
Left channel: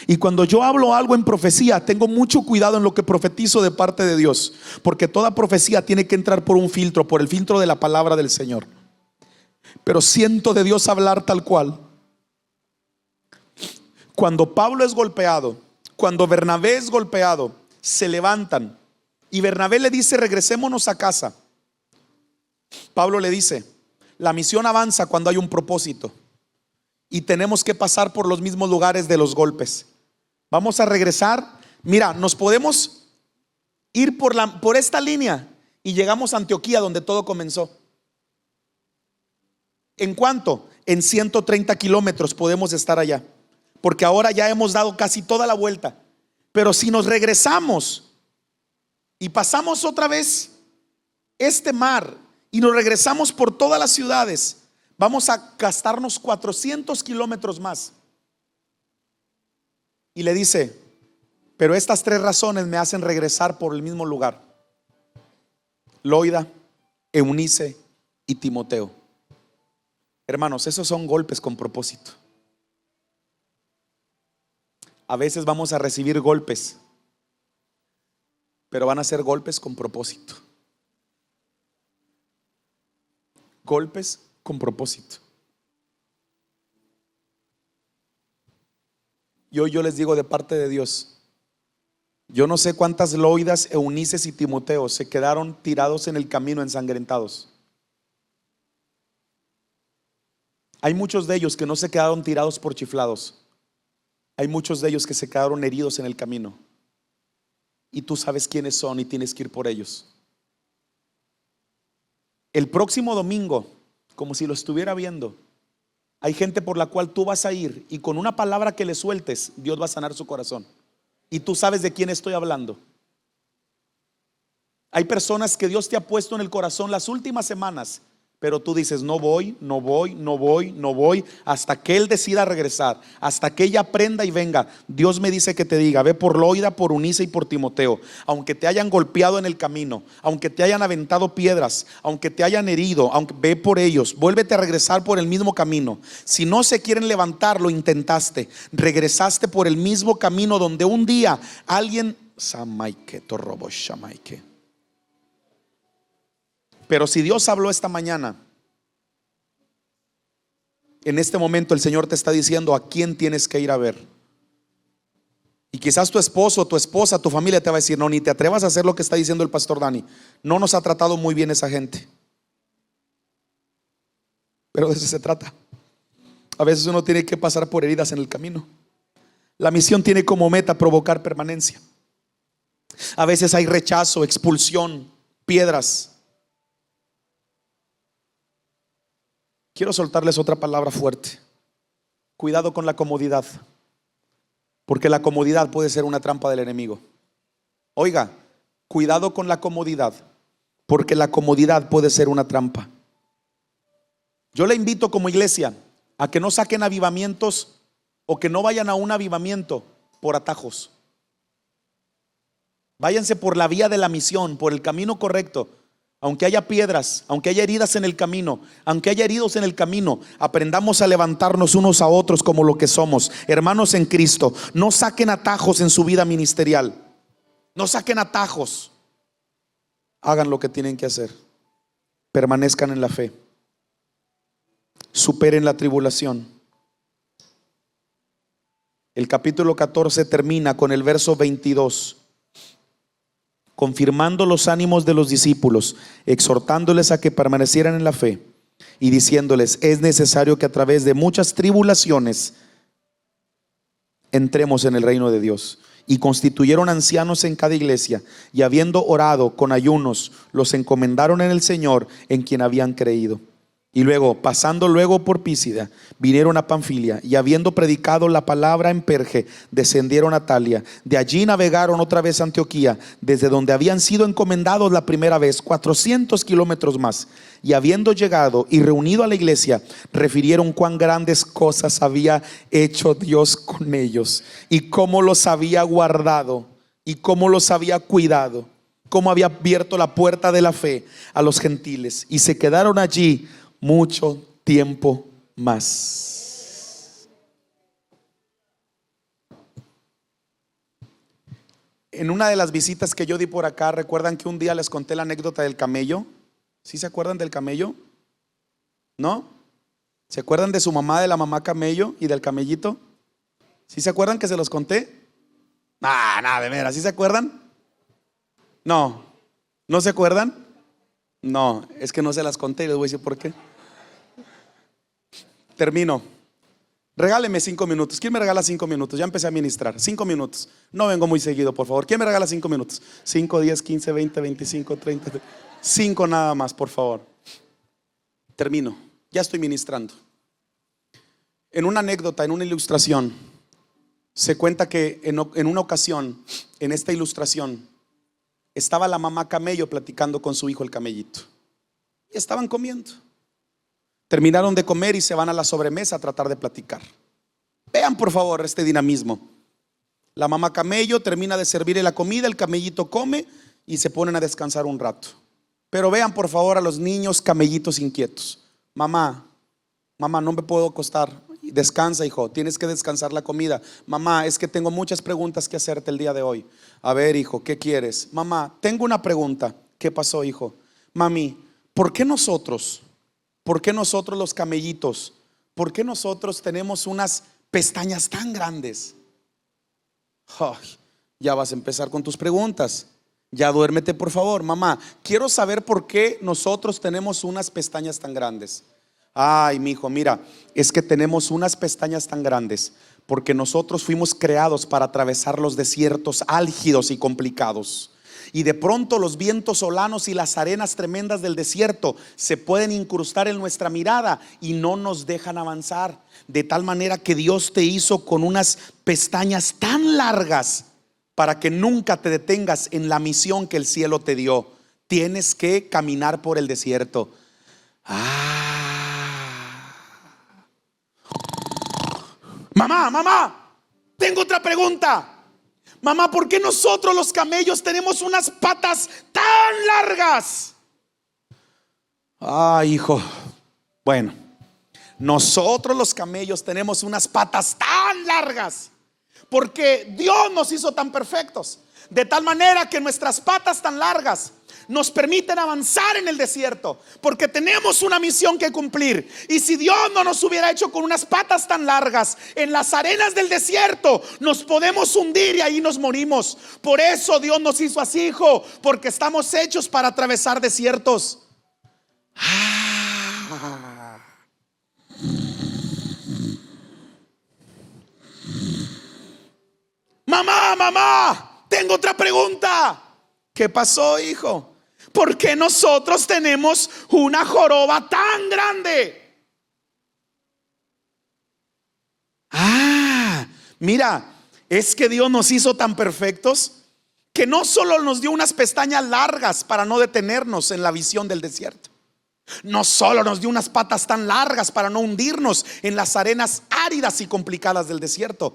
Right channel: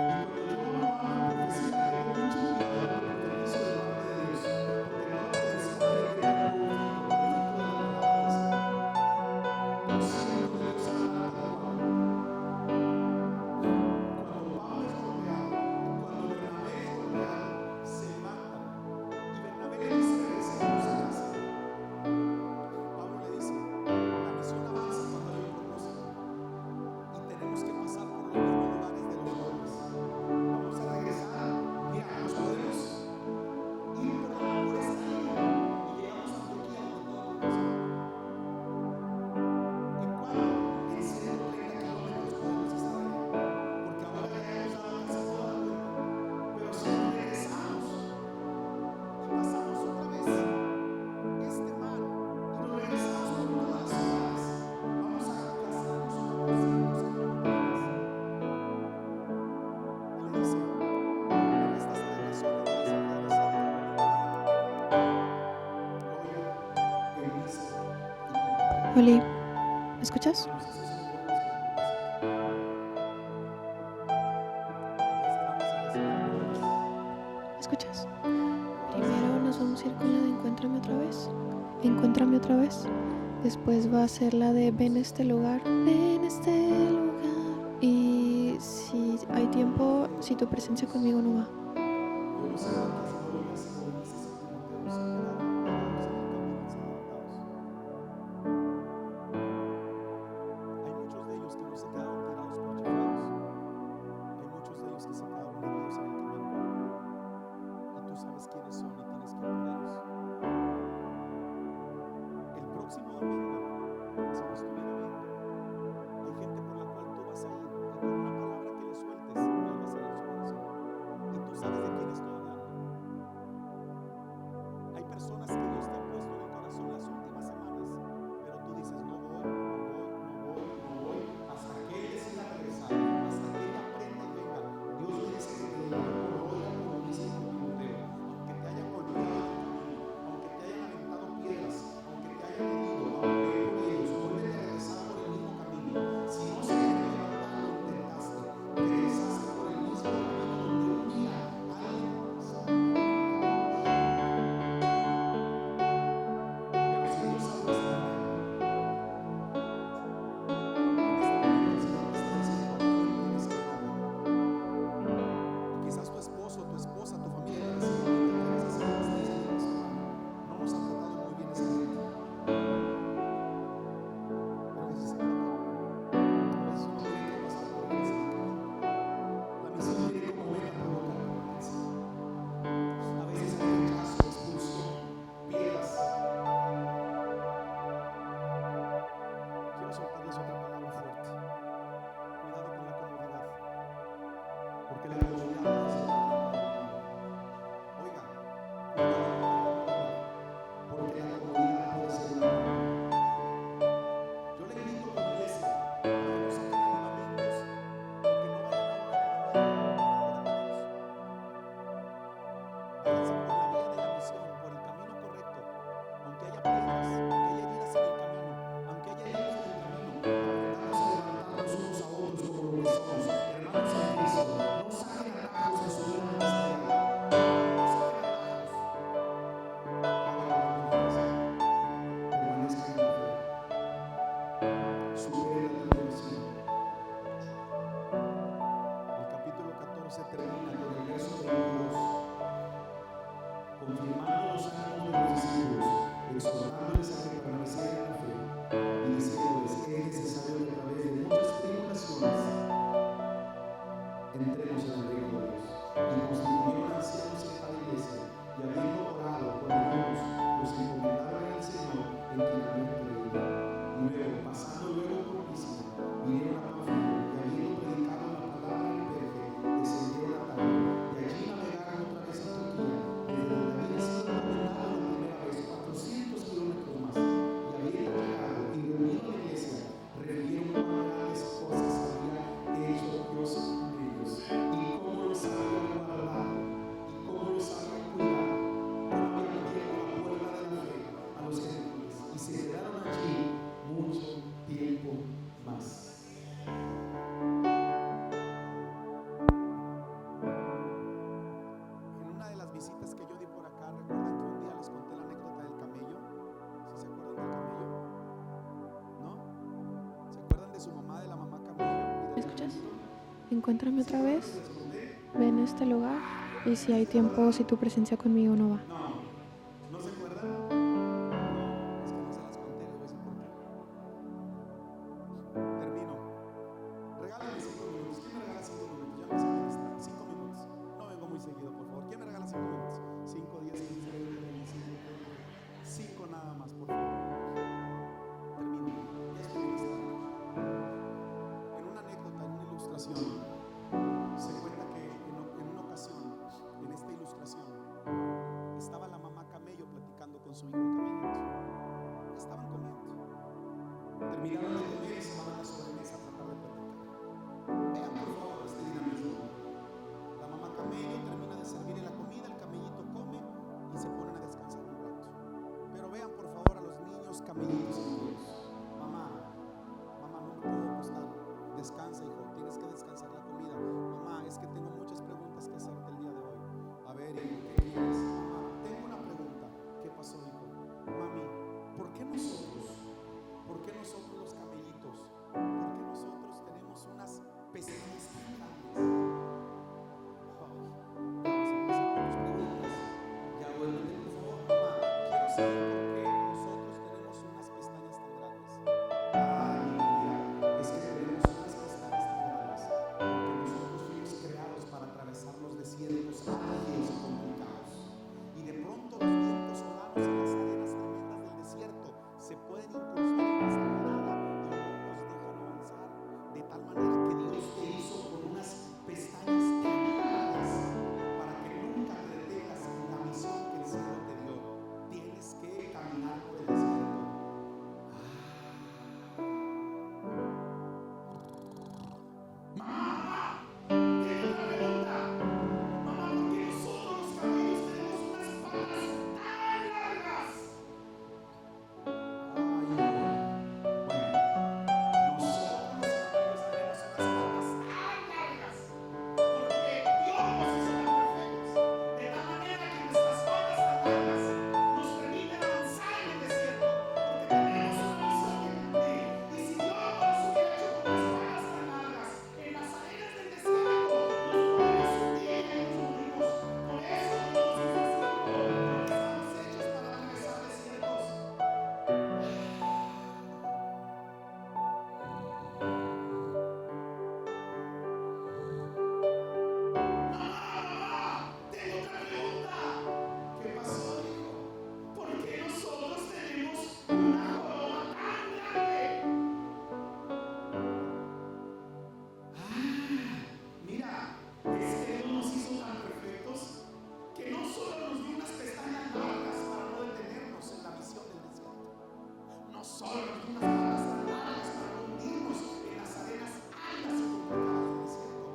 Y cuando yo hablo algo en profecía, tengo mucho cuidado en lo que profetizo de parte de Dios, porque toda profecía tiene que entrar por un filtro, por el filtro de la palabra del Señor. Pero siento de Dios hablar tal cual. Cuando Pablo es golpeado, cuando Bernabé es golpeado, se levantan y Bernabé le dice: regresémonos a casa. Pablo le dice: la misión avanza cuando hay un propósito y tenemos que pasar por los mismos lugares de los golpes. Vamos a regresar. Mira, nos podemos ir por esta línea y llegamos a Antioquía, donde todo comenzó. ¿En cuánto? En 130 kilómetros podemos estar allá, porque ahora ya hemos dado casi toda la vuelta. Pero si nos regresamos y pasamos otra vez este mar y nos regresamos por todas las ciudades, vamos a gastarnos 400 kilómetros más. Y le dice: pero estas 3 razones me hacen regresar por el mismo lugar: Loida, Eunice y Timoteo. Oli, ¿me escuchas? Hermanos, esos son golpes con propósito. A veces vamos a recibir golpes, ¿Me escuchas? pero van a ser golpes con propósito. Encuéntrame otra vez. Encuéntrame otra vez. Después Golpes va a ser la con de propósito. en este lugar. En este lugar. Y si hay Y hoy yo tiempo, les digo de si tu parte de presencia Dios, conmigo no va. yo no sé cuántas Loidas, Eunices y Timoteos se quedaron tirados en el camino, ensangrentados. Hay muchos de ellos que no se quedaron tirados por chiflados. Hay muchos de ellos que se quedaron heridos en el camino. Y tú sabes quiénes son y tienes que ir por ellos. El próximo domingo, como si lo estuviera viendo, hay gente por la cual tú vas a ir y con una palabra que le sueltes, Dios va a sanar su corazón. Y tú sabes de quién estoy hablando. Hay personas que Dios te ha puesto en el corazón las últimas semanas, pero tú dices: no voy, no voy, no voy, no voy, hasta que Él decida regresar, hasta que ella aprenda y venga. Dios me dice que te diga: ve por Loida, por Eunice y por Timoteo. Aunque te hayan golpeado en el camino, aunque te hayan aventado piedras, aunque te hayan herido, ve por ellos. Vuélvete a regresar por el mismo camino. Si no se quieren levantar, lo intentaste, regresaste por el mismo camino donde un día alguien. Pero si Dios habló esta mañana, en este momento el Señor te está diciendo a quién tienes que ir a ver. Y quizás tu esposo, tu esposa, tu familia te va a decir: no, ni te atrevas a hacer lo que está diciendo el pastor Dani. No nos ha tratado muy bien esa gente. Pero de eso se trata. A veces uno tiene que pasar por heridas en el camino. La misión tiene como meta provocar permanencia. A veces hay rechazo, expulsión, piedras. Quiero soltarles otra palabra fuerte. Cuidado con la comodidad, porque la comodidad puede ser una trampa del enemigo. Oiga, cuidado con la comodidad, porque la comodidad puede ser una trampa. Yo le invito como iglesia a que no saquen avivamientos o que no vayan a un avivamiento por atajos. Váyanse por la vía de la misión, por el camino correcto. Aunque haya piedras, aunque haya heridas en el camino, aunque haya heridos en el camino, aprendamos a levantarnos unos a otros como lo que somos, hermanos en Cristo. No saquen atajos en su vida ministerial. No saquen atajos. Hagan lo que tienen que hacer. Permanezcan en la fe. Superen la tribulación. El capítulo 14 termina con el verso 22. confirmando los ánimos de los discípulos, exhortándoles a que permanecieran en la fe y diciéndoles: es necesario que a través de muchas tribulaciones entremos en el reino de Dios. Y constituyeron ancianos en cada iglesia, y habiendo orado con ayunos, los encomendaron en el Señor, en quien habían creído. Y luego, pasando luego por Písida, vinieron a Panfilia, y habiendo predicado la palabra en Perge, descendieron a Talia. De allí navegaron otra vez a Antioquía, desde donde habían sido encomendados la primera vez, 400 kilómetros más. Y habiendo llegado y reunido a la iglesia, refirieron cuán grandes cosas había hecho Dios con ellos, y cómo los había guardado, y cómo los había cuidado, cómo había abierto la puerta de la fe a los gentiles. Y se quedaron allí mucho tiempo más. En una de las visitas que yo di por acá, ¿recuerdan que un día les conté la anécdota del camello? ¿Sí se acuerdan del camello? ¿No? ¿Se acuerdan de su mamá, de la mamá camello y del camellito? ¿Sí se acuerdan que se los conté? Ven a este lugar. Ah, nada, de veras, ¿sí se acuerdan? Si tu presencia conmigo no va. No, ¿no se acuerdan? No, es que no se las conté y les voy a decir por qué. Termino. Regáleme 5 minutos. ¿Quién me regala 5 minutos? Ya empecé a ministrar. 5 minutos. No vengo muy seguido, por favor. ¿Quién me regala 5 minutos? 5, 10, 15, 20, 25, 30. 5 nada más, por favor. Termino. Ya estoy ministrando. En una anécdota, en una ilustración, se cuenta que en una ocasión, en esta ilustración, estaba la mamá camello platicando con su hijo el camellito. Y estaban comiendo. Terminaron de comer y se van a la sobremesa a tratar de platicar. Vean por favor este dinamismo. La mamá camello termina de servirle la comida, el camellito come y se ponen a descansar un rato. Pero vean por favor a los niños camellitos inquietos. Mamá, no me puedo acostar. Descansa, hijo, tienes que descansar la comida. Mamá, es que tengo muchas preguntas que hacerte el día de hoy. A ver, hijo, ¿qué quieres? Mamá, tengo una pregunta. ¿Qué pasó, hijo? Mami, ¿por qué nosotros los camellitos, por qué nosotros tenemos unas pestañas tan grandes? Ay, ya vas a empezar con tus preguntas. Ya duérmete por favor. Mamá, quiero saber por qué nosotros tenemos unas pestañas tan grandes. Ay, mi hijo, mira, es que tenemos unas pestañas tan grandes porque nosotros fuimos creados para atravesar los desiertos álgidos y complicados. Y de pronto los vientos solanos y las arenas tremendas del desierto se pueden incrustar en nuestra mirada y no nos dejan avanzar. De tal manera que Dios te hizo con unas pestañas tan largas para que nunca te detengas en la misión que el cielo te dio. Tienes que caminar por el desierto. Mamá, tengo otra pregunta. Mamá, ¿por qué nosotros los camellos tenemos unas patas tan largas? Ay, hijo. Bueno, nosotros los camellos tenemos unas patas tan largas porque Dios nos hizo tan perfectos, de tal manera que nuestras patas tan largas nos permiten avanzar en el desierto, porque tenemos una misión que cumplir. Y si Dios no nos hubiera hecho con unas patas tan largas, en las arenas del desierto nos podemos hundir y ahí nos morimos. Por eso Dios nos hizo así, hijo, porque estamos hechos para atravesar desiertos. Mamá, tengo otra pregunta. ¿Qué pasó, hijo? ¿Por qué nosotros tenemos una joroba tan grande? Mira, es que Dios nos hizo tan perfectos que no solo nos dio unas pestañas largas para no detenernos en la visión del desierto, no solo nos dio unas patas tan largas para no hundirnos en las arenas áridas y complicadas del desierto.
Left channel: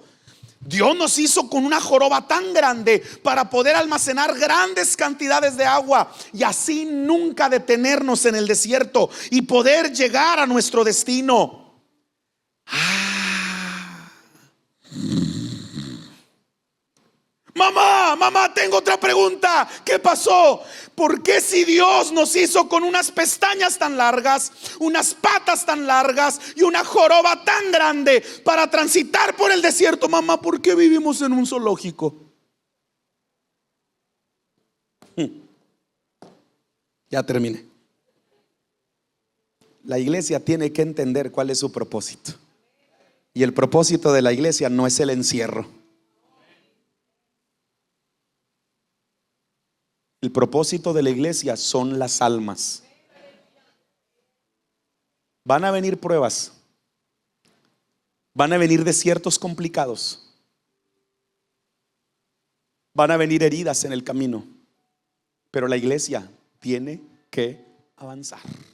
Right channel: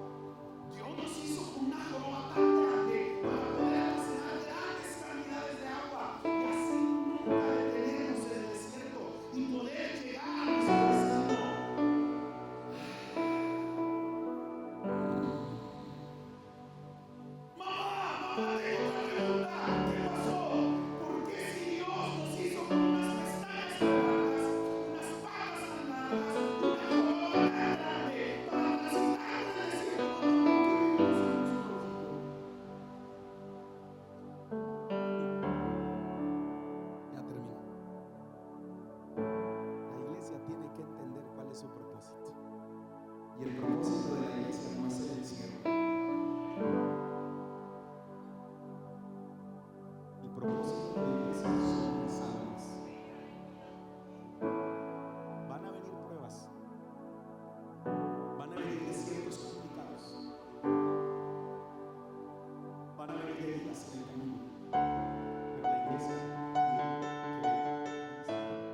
Dios nos hizo con una joroba tan grande para poder almacenar grandes cantidades de agua y así nunca detenernos en el desierto y poder llegar a nuestro destino. Mamá, tengo otra pregunta. ¿Qué pasó? ¿Por qué si Dios nos hizo con unas pestañas tan largas, unas patas tan largas y una joroba tan grande para transitar por el desierto? Mamá, ¿por qué vivimos en un zoológico? Ya terminé. La iglesia tiene que entender cuál es su propósito. Y el propósito de la iglesia no es el encierro. El propósito de la iglesia son las almas. Van a venir pruebas, van a venir desiertos complicados, van a venir heridas en el camino, pero la iglesia tiene que avanzar.